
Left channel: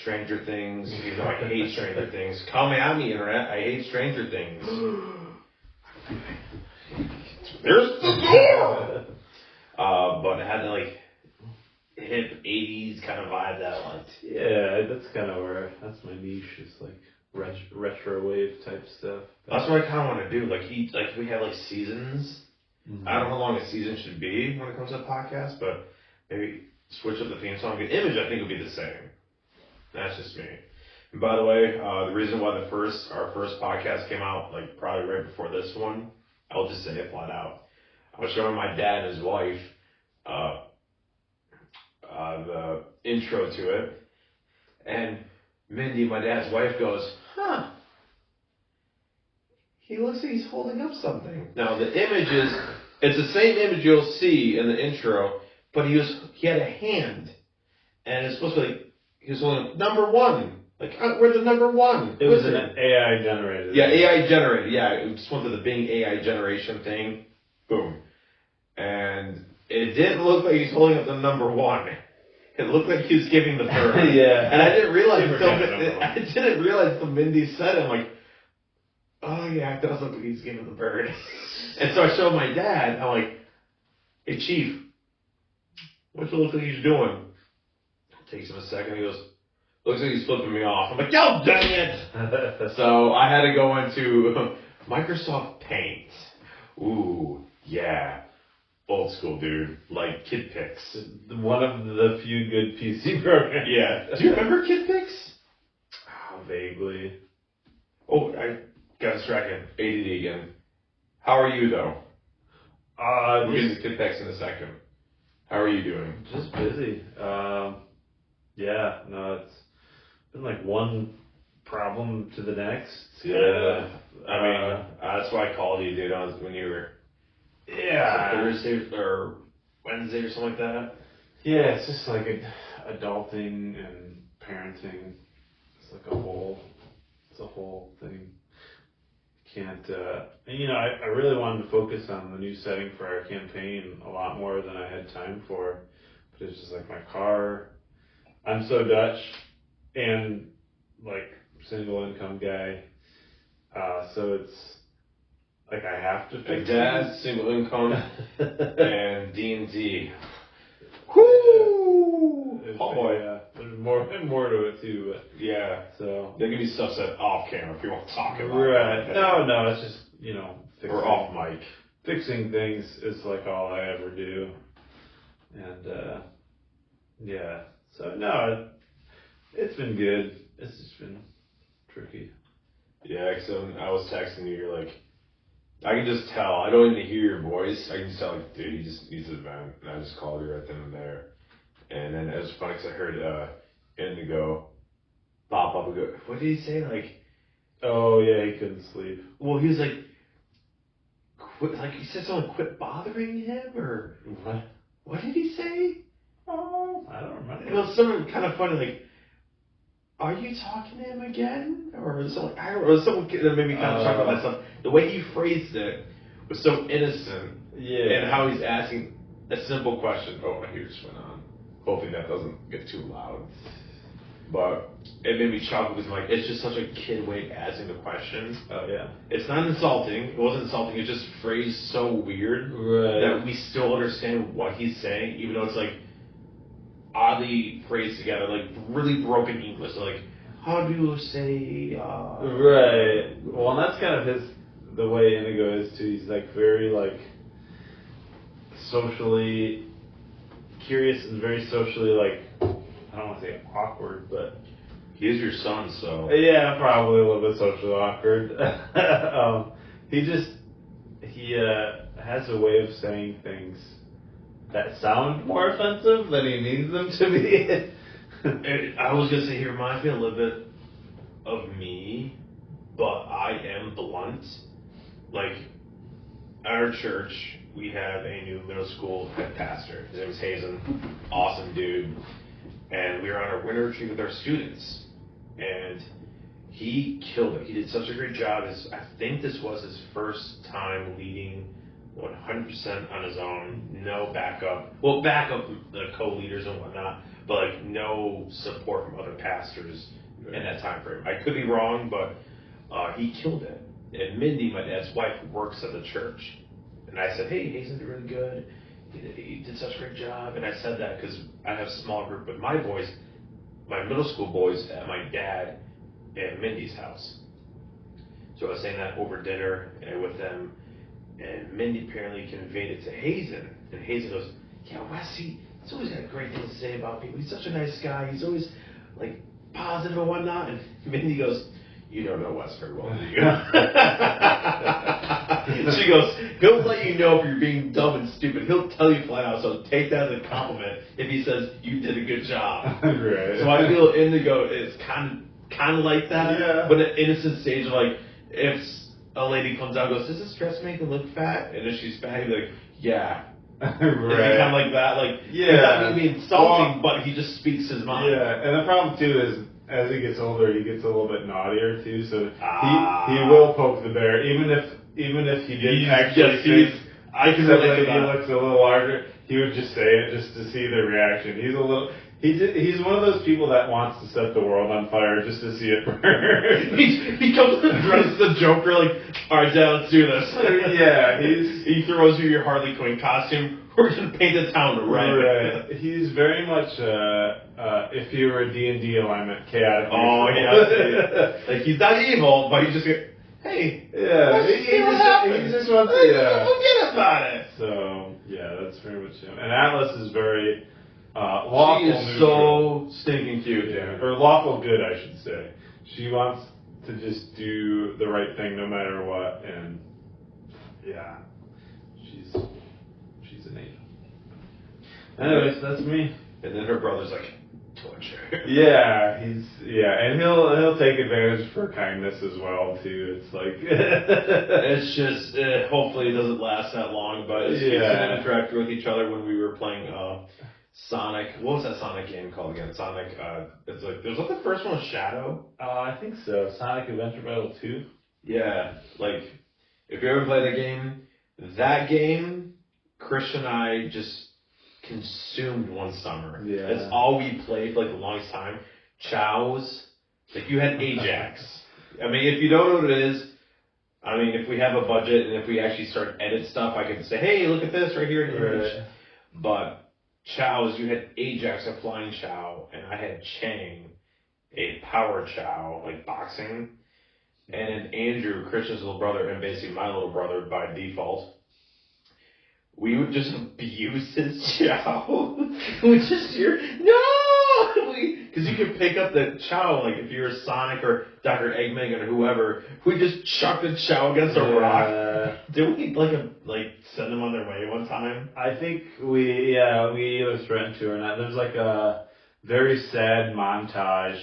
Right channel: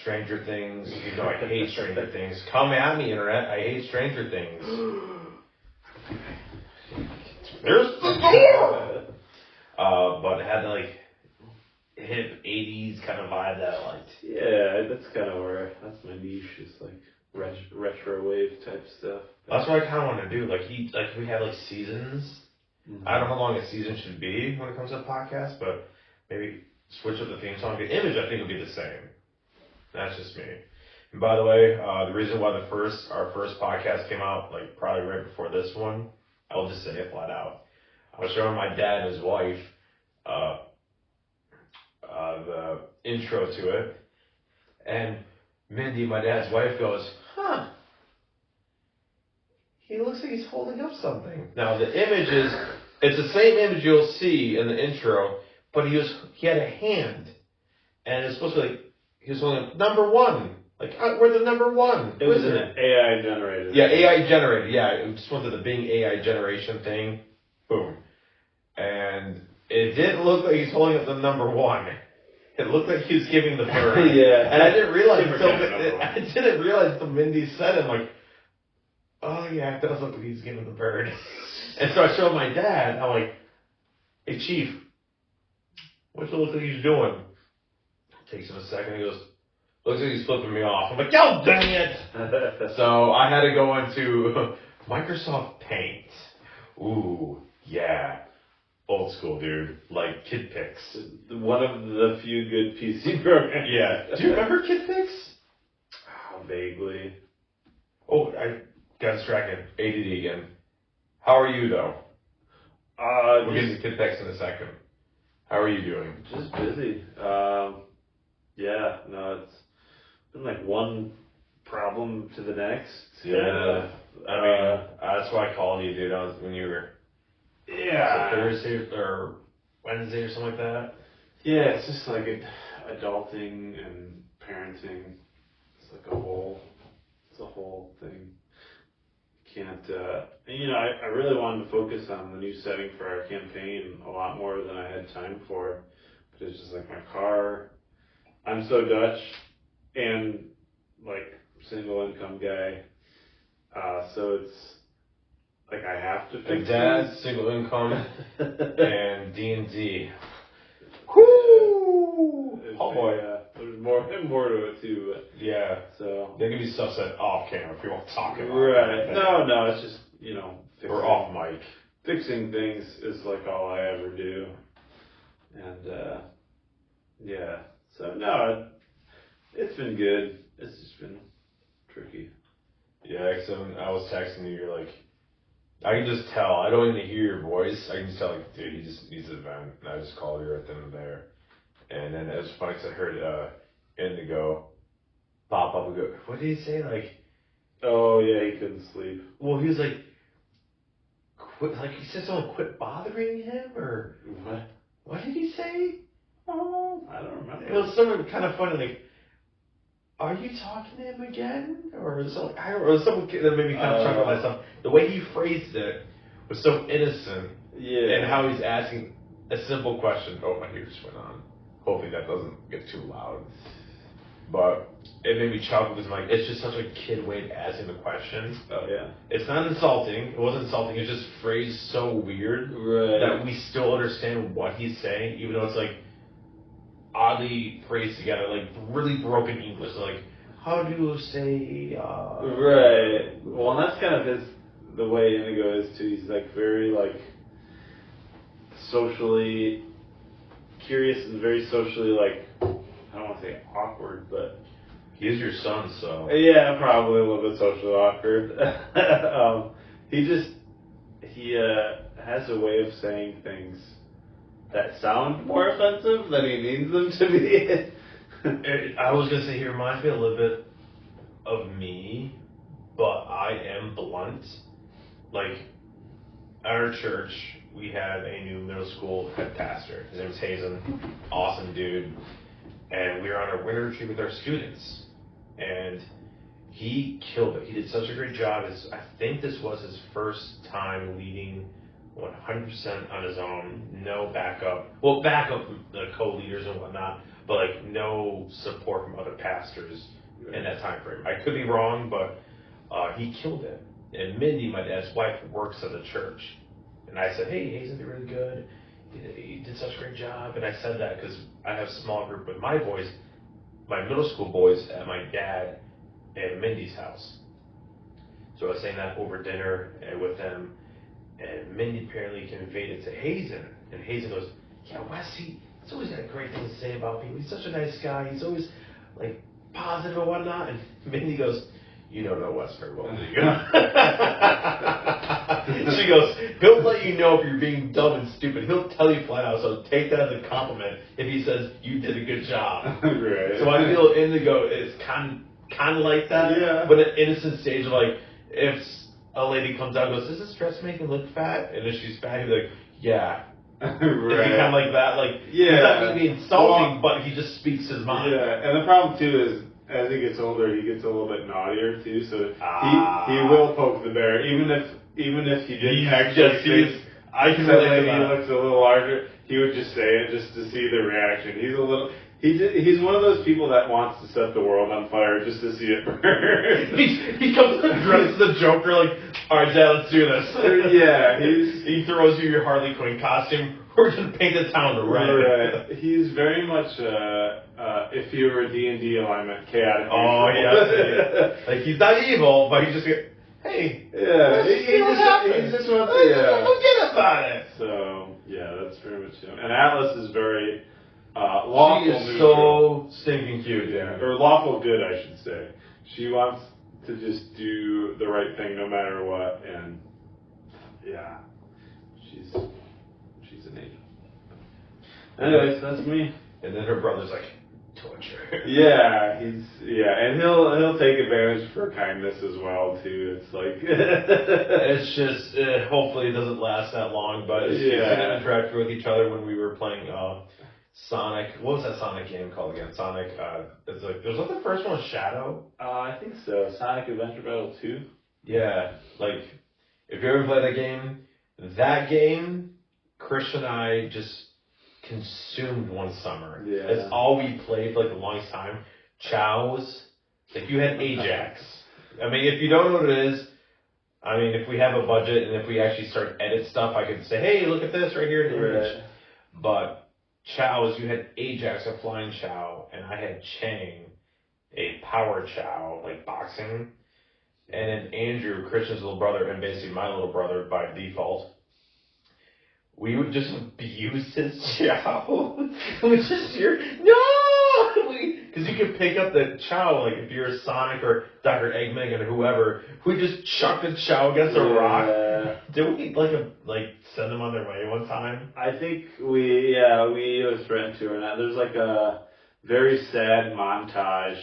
Stranger Things. You know, I hate Stranger Things. Call me on the internet. I hate Stranger Things. There's the door. But it had like hip 80s kind of vibe that I liked. Yeah, that's kind of where, that's my niche, is like retro wave type stuff. That's what I kind of want to do. Like we have like seasons. Mm-hmm. I don't know how long a season should be when it comes to podcasts, but maybe switch up the theme song. The image I think would be the same. That's just me. And by the way, the reason why our first podcast came out like probably right before this one, I'll just say it flat out. I was showing my dad and his wife the intro to it, and Mindy, my dad's wife, goes, "Huh? He looks like he's holding up something." Now the image it's the same image you'll see in the intro, but he had a hand, and it's supposed to be like he was holding number one. Like, where's the number one? It was an AI generated. Yeah, AI generated. Yeah, it just went to the Bing AI generation thing. Boom. And it didn't look like he's holding up the number one. It looked like he was giving the bird. Yeah. And I didn't realize until Mindy said it. I'm like, oh yeah, it does look like he's giving the bird. And so I showed my dad. I'm like, hey Chief, what's it look like he's doing? Takes him a second. He goes, looks like he's flipping me off. I'm like, oh dang it! So I had to go into Microsoft Paint. Ooh, yeah. Old school, dude. Like KidPix. One of the few good PC programs. Yeah. Do you remember KidPix? Vaguely. Oh, I got distracted. ADD again. How are you, though? We'll get to KidPix in a second. How are you doing? Just busy. Yeah, no, it's been like one problem to the next. Yeah. I mean, that's why I called you, dude. I was when you were Thursday or Wednesday or something like that. Yeah, it's just like adulting and parenting. It's like a whole thing. Can't, I really wanted to focus on the new setting for our campaign a lot more than I had time for. But it's just like my car. I'm so Dutch and like single income guy. So it's like I have to fix Dad, single income, and D&D. Whoo! Oh boy. Yeah, there's more to it too. But, yeah. So there can be stuff said off camera. People talk about. Right. That. No, it's just or off mic. Fixing things is like all I ever do, and yeah. So no, it's been good. It's just been tricky. Yeah, so I was texting you. You're like, I can just tell. I don't even hear your voice. I can just tell, like, dude, he just needs a vent. And I just called you right then and there. And then it was funny because I heard Indigo, Bob, go, what did he say? Like, oh yeah, he couldn't sleep. Well, he was like, quit. Like he said something, quit bothering him, or what? What did he say? Oh, I don't remember. It was something kind of funny, like, are you talking to him again? Or was something, I don't know, it was something that made me kind of chuckle at something. The way he phrased it was so innocent. Yeah. And how he's asking a simple question. Oh, my ears went on. Hopefully that doesn't get too loud. But it made me chuckle because like it's just such a kid way of asking the question. Oh yeah. It's not insulting. It wasn't insulting. It's just phrased so weird that we still understand what he's saying, even though it's like oddly phrased together, like really broken English. Like, how do you say? Right. Well, that's kind of the way Indigo is too. He's like very like socially curious and very socially like, I don't want to say awkward, but he is your son, so yeah, probably a little bit socially awkward. He has a way of saying things that sound more offensive than he means them to be. I was gonna say he reminds me a little bit of me, but I am blunt. Like at our church, we have a new middle school head pastor. His name is Hazen, awesome dude. And we were on our winter retreat with our students, and he killed it. He did such a great job. I think this was his first time leading 100% on his own, no backup. Well, backup the co-leaders and whatnot, but like no support from other pastors in that time frame. I could be wrong, but he killed it. And Mindy, my dad's wife, works at the church. And I said, hey, Hazen did really good. He did such a great job. And I said that because I have a small group with my boys, my middle school boys, at my dad and Mindy's house. So I was saying that over dinner and with them. And Mindy apparently conveyed it to Hazen. And Hazen goes, yeah, Wes, he's always had great things to say about people. He's such a nice guy. He's always, like, positive and whatnot. And Mindy goes, you don't know Wes very well, do you? She goes, he'll let you know if you're being dumb and stupid. He'll tell you flat out, so take that as a compliment if he says you did a good job. Right. So I feel Indigo is kind of like that, Yeah. but at innocent stage, like, if a lady comes out and goes, does this dress make me look fat? And if she's fat, he'd be like, yeah. Right. He's kind of like that, like, Yeah. he's not going to be insulting, but he just speaks his mind. Yeah, and the problem too is as he gets older, he gets a little bit naughtier too. So he will poke the bear, even if he didn't actually think I can the relate to lady that. looks a little larger. He would just say it just to see the reaction. He's one of those people that wants to set the world on fire just to see it burn. He comes dressed as the Joker, like, all right, Dad, let's do this. Yeah, he throws you your Harley Quinn costume. We're gonna paint the town red. Right. He's very much if he were a D&D alignment, chaotic. Oh yeah. Like he's not evil, but he's just like, hey. Yeah, he just wants to. Yeah. Forget about it. So yeah, that's very much him. And Atlas is very lawful. She is neutral. so stinking cute. Yeah, or lawful good, I should say. She wants to just do the right thing no matter what, and yeah, she's an angel. Anyways, that's me. And then her brother's like, torture. Yeah, and he'll take advantage for kindness as well too. It's like It's just hopefully it doesn't last that long, but it's gonna interact with each other when we were playing Sonic. What was that Sonic game called again? Sonic. It's like there's like the first one was Shadow. I think so. Sonic Adventure Battle 2. Yeah, like if you ever play that game, Christian and I just consumed one summer. Yeah. That's all we played for like the longest time. Chow's. Like you had Ajax. I mean, if you don't know what it is, I mean, if we have a budget and if we actually start edit stuff, I could say, hey, look at this right here. Right. But Chow's, you had Ajax, a flying Chow, and I had Chang, a power Chow, like boxing. And then Andrew, Christian's little brother, and basically my little brother by default, we would just abuse his Chow. We just hear, no! Because you can pick up the Chow, like if you're Sonic or Dr. Eggman or whoever, we just chuck the Chow against a rock. Did we send them on their way one time? I think we either threatened to or not. There's like a very sad montage.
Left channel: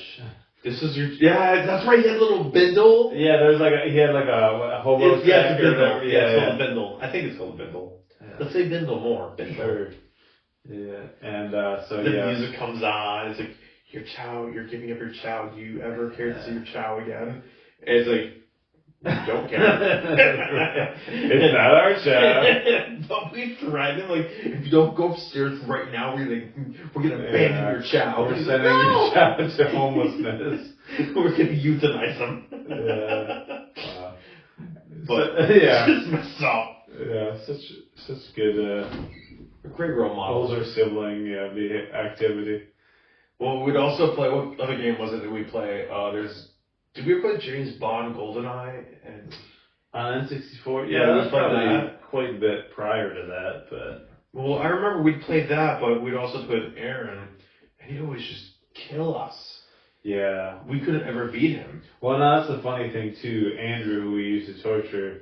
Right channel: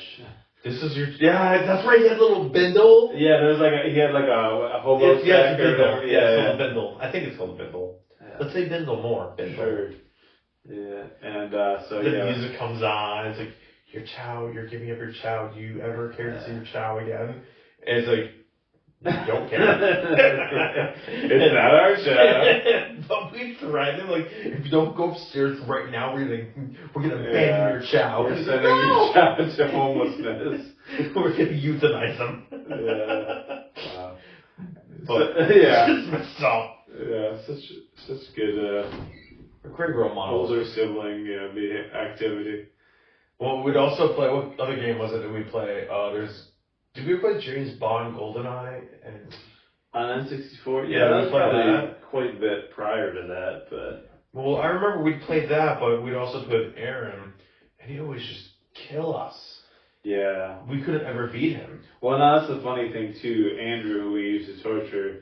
This is that's right. He had a little bindle. Yeah, he had like a hobo. It's a bindle. It's called a bindle. I think it's called a bindle. Yeah. Let's say bindle more. Bindle. Sure. Yeah, and the music comes on. It's like your Chow. You're giving up your Chow. Do you ever care to see your Chow again? And it's like. Don't care. It's not our Chow. But we threatened him, like, if you don't go upstairs right now, we're gonna abandon your Chow. We're sending your Chow to homelessness. We're gonna euthanize him. Yeah. Wow. But just messed up. Yeah, such good great role model. Older sibling activity. Well, we'd also play. What other game was it that we play? Did we play James Bond GoldenEye? And on N64? Yeah, that was probably that. Quite a bit prior to that, but. Well, I remember we'd play that, but we'd also put Aaron, and he'd always just kill us. Yeah. We couldn't ever beat him. Well, now that's the funny thing too. Andrew, who we used to torture,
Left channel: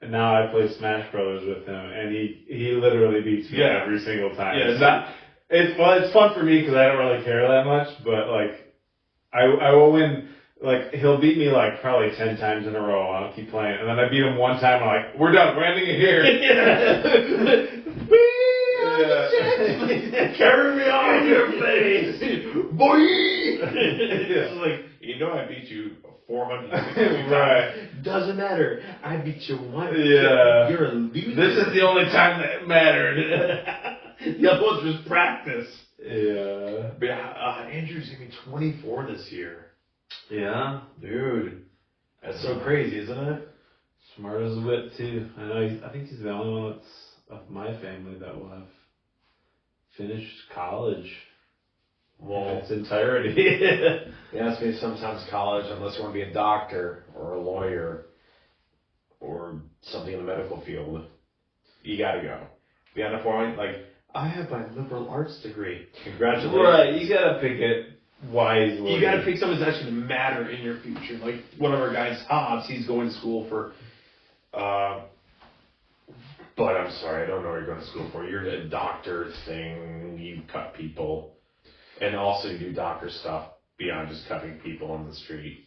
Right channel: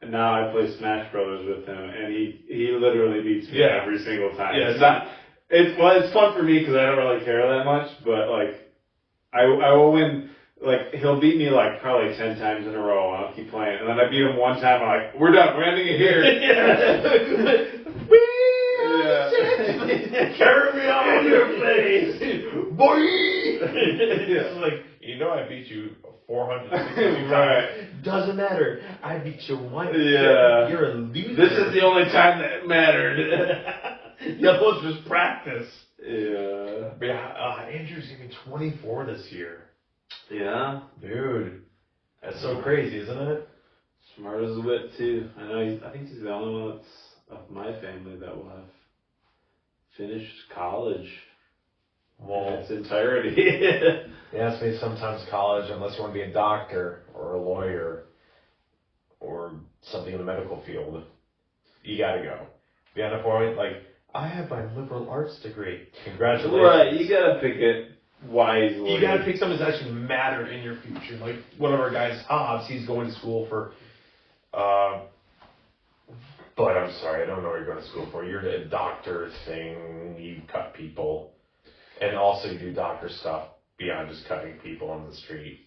and now I play Smash Brothers with him, and he literally beats me every single time. Yeah, it's fun for me because I don't really care that much, but like, I will win. Like, he'll beat me like probably 10 times in a row, and I'll keep playing. And then I beat him one time, I'm like, we're done, we're ending it here. Carry me on your face, boy. It's like, I beat you 400 times. Right. Doesn't matter. I beat you once. Yeah. You're a loser. This is the only time that mattered. The other one's just practice. Yeah. But Andrew's gonna be 24 this year. Yeah. Dude. That's so crazy, isn't it? Smart as a whip too. I know. I think he's the only one that's of my family that will have finished college in its entirety. Yeah, it's made sometimes college, unless you want to be a doctor or a lawyer or something in the medical field, you gotta go. Beyond a point, like, I have my liberal arts degree. Congratulations. Right, you gotta pick it wisely. You gotta pick something that's actually matter in your future. Like one of our guys, Hobbs, he's going to school for, but I'm sorry, I don't know what you're going to school for. You're a doctor thing, you cut people, and also you do doctor stuff beyond just cutting people on the street.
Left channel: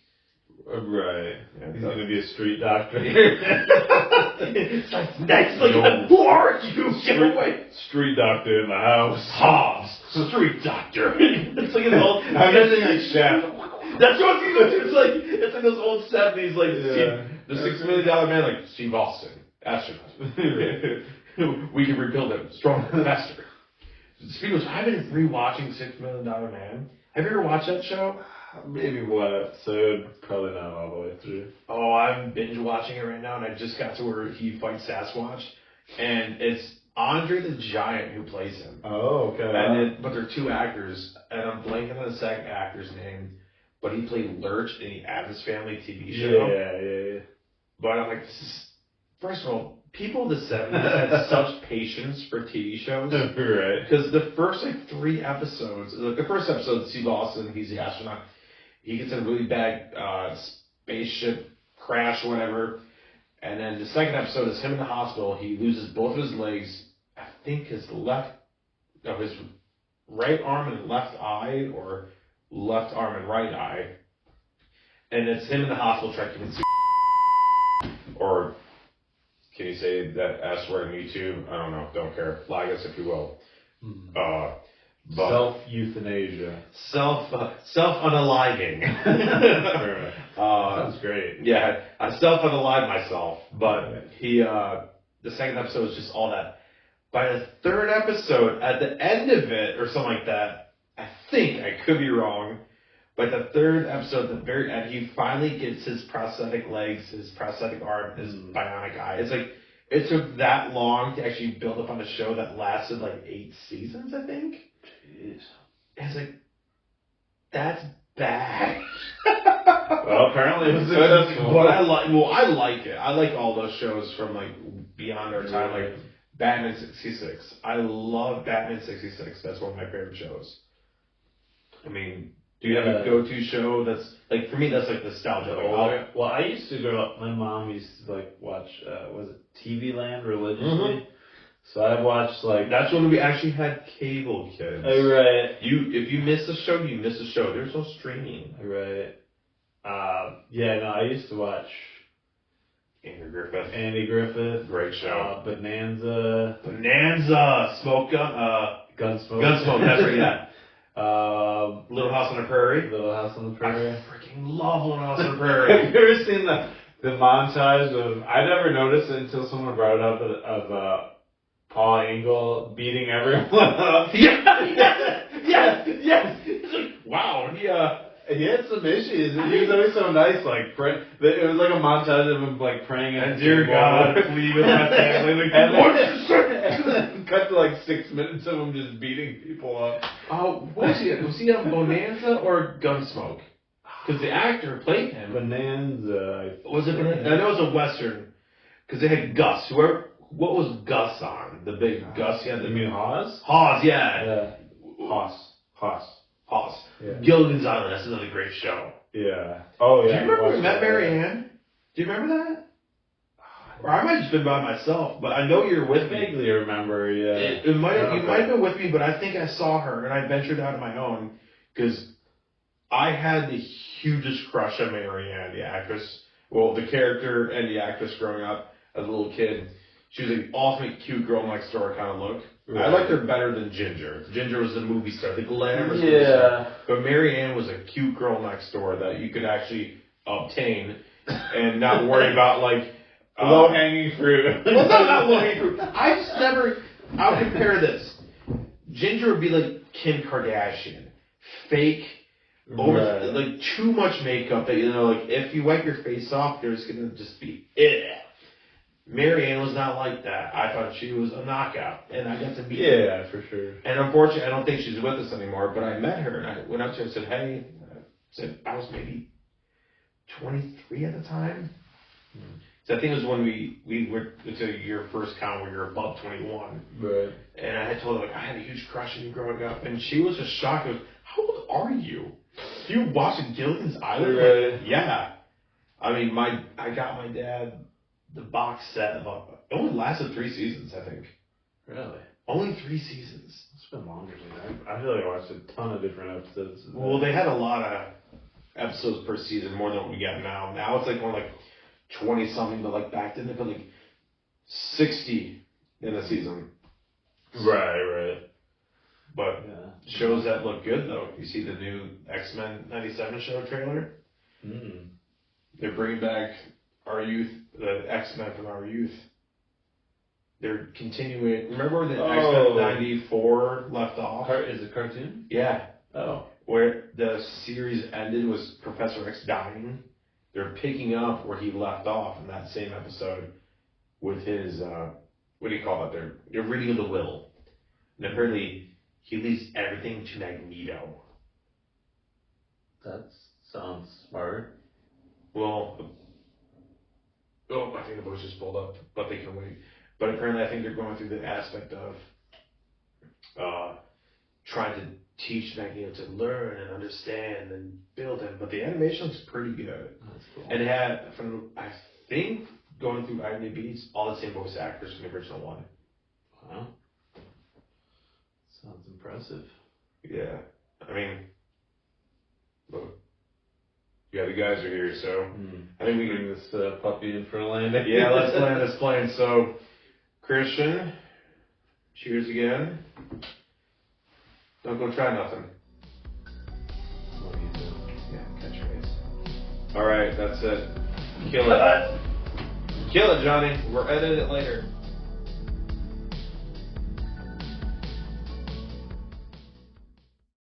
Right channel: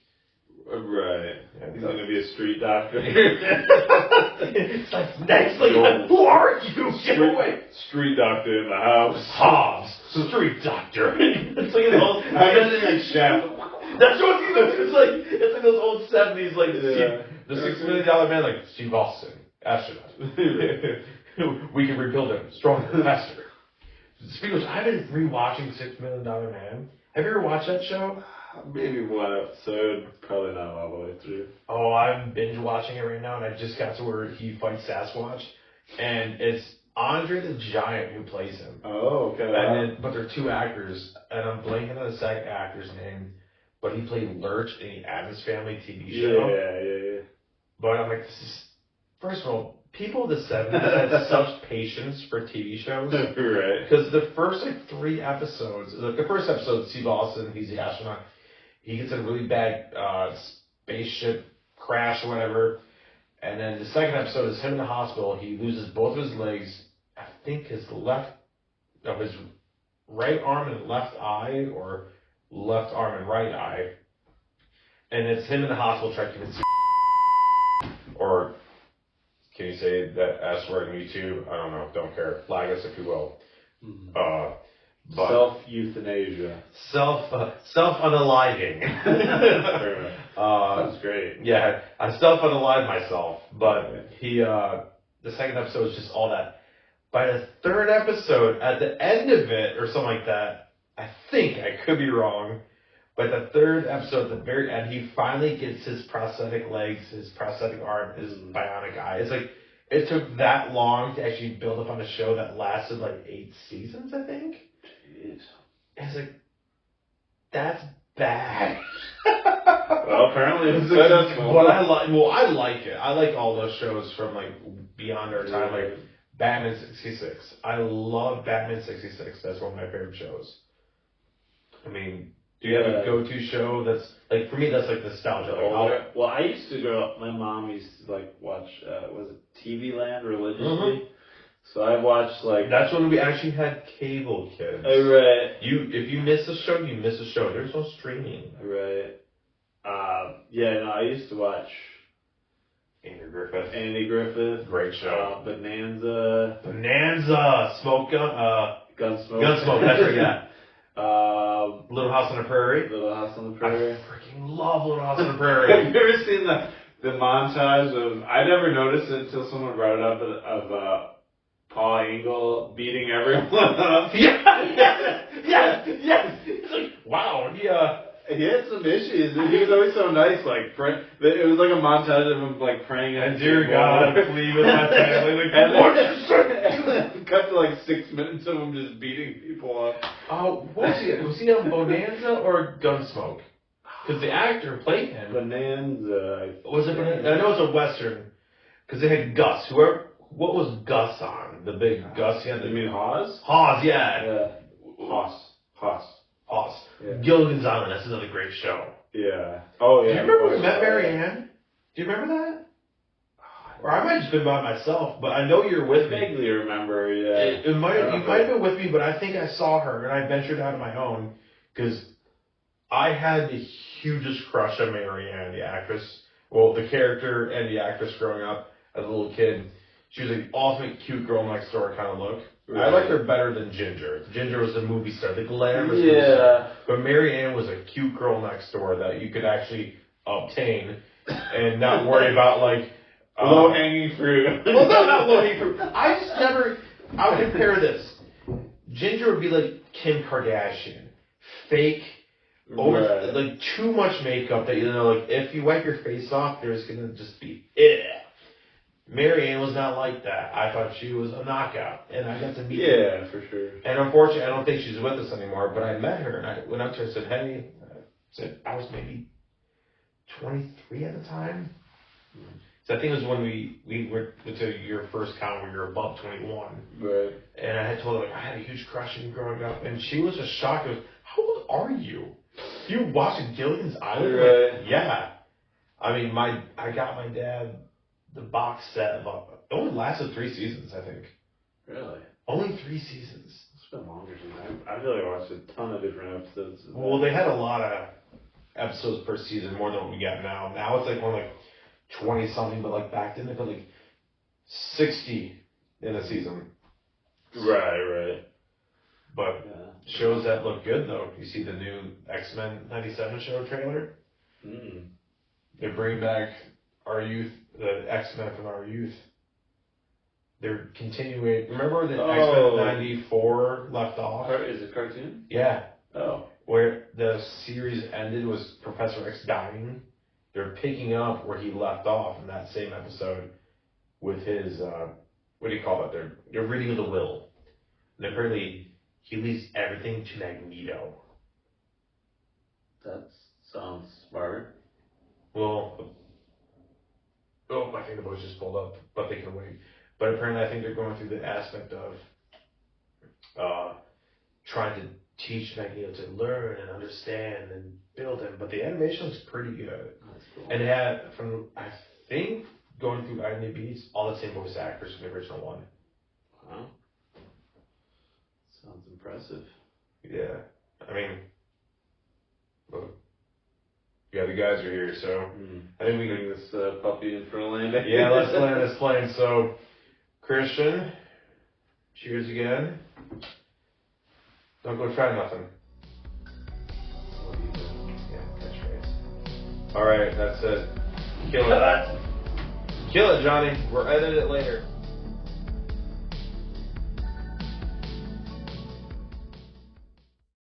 Right. He's gonna be a street doctor. It's like, next, like, who are you? Get away. Street doctor in the house. Hobbs, street doctor. It's like an old. I'm just like Chef. That's what it's like those old 70s, like Yeah. the $6 million man, like Steve Austin, astronaut. We can rebuild him stronger, faster. Speaking of, I've been rewatching $6 Million Man. Have you ever watched that show? Maybe one episode, probably not all the way through. Oh, I'm binge watching it right now, and I just got to where he fights Sasquatch, and it's Andre the Giant who plays him. Oh, okay. But they're two actors, and I'm blanking on the second actor's name, but he played Lurch in the Addams Family TV show. Yeah. But I'm like, this is, first of all, people of the 70s had such patience for TV shows. Right. Because the first like 3 episodes, like the first episode, Steve Austin, he's the astronaut. He gets in a really bad spaceship crash or whatever. And then the second episode is him in the hospital. He loses both of his legs. I think his right arm and left eye, or left arm and right eye. And it's him in the hospital trying to convince or can you say that S word on YouTube? I don't know. Don't care. Flag us if you will. But Self-euthanasia. Self-unaliving. Sounds great. Yeah, I self-unalive myself. But the second episode is just all that. By the third episode, at the end of it, or something like that, I think, I could be wrong, but the third episode, at the very end, he finally gets his prosthetic legs, his prosthetic arm, his bionic eye. It's like, it took that long to actually build up on a show that lasted like 8 seasons, I think. Jeez. It's like, that's bad. Well, apparently it was successful. But I like it. I like all those shows from like beyond our time, like Batman 66. I love Batman 66. That's one of my favorite shows. I mean, do you have a go-to show that's, like, for me, that's like nostalgia? Like, well, I used to grow up, my mom used to like watch, was it TV Land religiously? So I watched like... That's when we actually had cable, kids. Right. If you miss the show, you miss the show. There's no streaming. Right. I used to watch Andy Griffith. Andy Griffith. Great show. Bonanza. Smoke Gun. Gunsmoke. Gunsmoke, that's right, yeah. Little House on the Prairie. Little House on the Prairie. I freaking love Little House on the Prairie. Have you ever seen the montage of... I never noticed it until someone brought it up of Paul Angle beating everyone up. Yes. It's like, wow, he had some issues. He was always so nice. Like it was like a montage of him like praying and dear God, please with my family. And cut to like 6 minutes of him just beating people up. Oh, was he on Bonanza or Gunsmoke? Because the actor played him. Bonanza. Was it Bonanza? I know it's a Western. Because they had Gus. What was Gus on? The big Gus. You mean Hawes? Hawes, yeah. Hawes. Yeah. Gilligan's Island. That's another great show. Yeah. Oh, yeah. Do you remember we met Mary Ann? Do you remember that? Or I might have just been by myself, but I know you're with me. Vaguely remember, yeah. You might have been with me, but I think I saw her, and I ventured out on my own, because I had the hugest crush on Mary Ann, the actress. Well, the character and the actress growing up as a little kid. She was an ultimate cute girl next door kind of look. Right. I liked her better than Ginger. Ginger was the movie star, the glamorous movie star. But Mary Ann was a cute girl next door that you could actually obtain and not worry about, like... low-hanging fruit. Well, not low-hanging fruit. I would compare this. Ginger would be like Kim Kardashian. Fake, like too much makeup that, like, if you wipe your face off, there's going to just be... Marianne was not like that. I thought she was a knockout, and I got to meet her. Yeah, for sure. And unfortunately, I don't think she's with us anymore, but I met her, and I went up to her and said, hey, I was maybe 23 at the time. So I think it was when we were to your first con where you're above 21. Right. And I had told her, like, I had a huge crush on you growing up. And she was just shocked. Like, how old are you? You watching Gilligan's Island? Right. Like, yeah. I mean, I got my dad the box set. It only lasted 3 seasons, I think. Really? Only 3 seasons. It's been longer than that. I feel like I watched a ton of different episodes. Of Well, they had a lot of episodes per season, more than what we got now. Now it's like only like 20 something, but like back then they put like 60 in a season. Right. But Yeah. shows that look good though. You see the new X-Men 97 show trailer? Mm. They're bringing back our youth, the X-Men from our youth. They're continuing. Remember where the X-Men 94 left off? Is it cartoon? Yeah. Oh. Where the series ended was Professor X dying. They're picking up where he left off in that same episode with his, what do you call it? They're reading the will. And apparently he leaves everything to Magneto. That sounds smart. Well, I think the voice just pulled up, but they can wait. But apparently I think they're going through the aspect of trying to teach Magneto to learn and understand and build him. But the animation looks pretty good. That's cool. And it had, I think, going through IMDb, it's all the same voice actors from the original one. Wow. Sounds impressive. Yeah. I mean, look. Yeah, the guys are here, so I think we bring this puppy in for a landing. Yeah, let's land this plane. So, Christian, cheers again. Don't go try nothing. What are you doing? Yeah, catchphrase. Alright, that's it. Kill it. Kill it, Johnny. We're editing it later.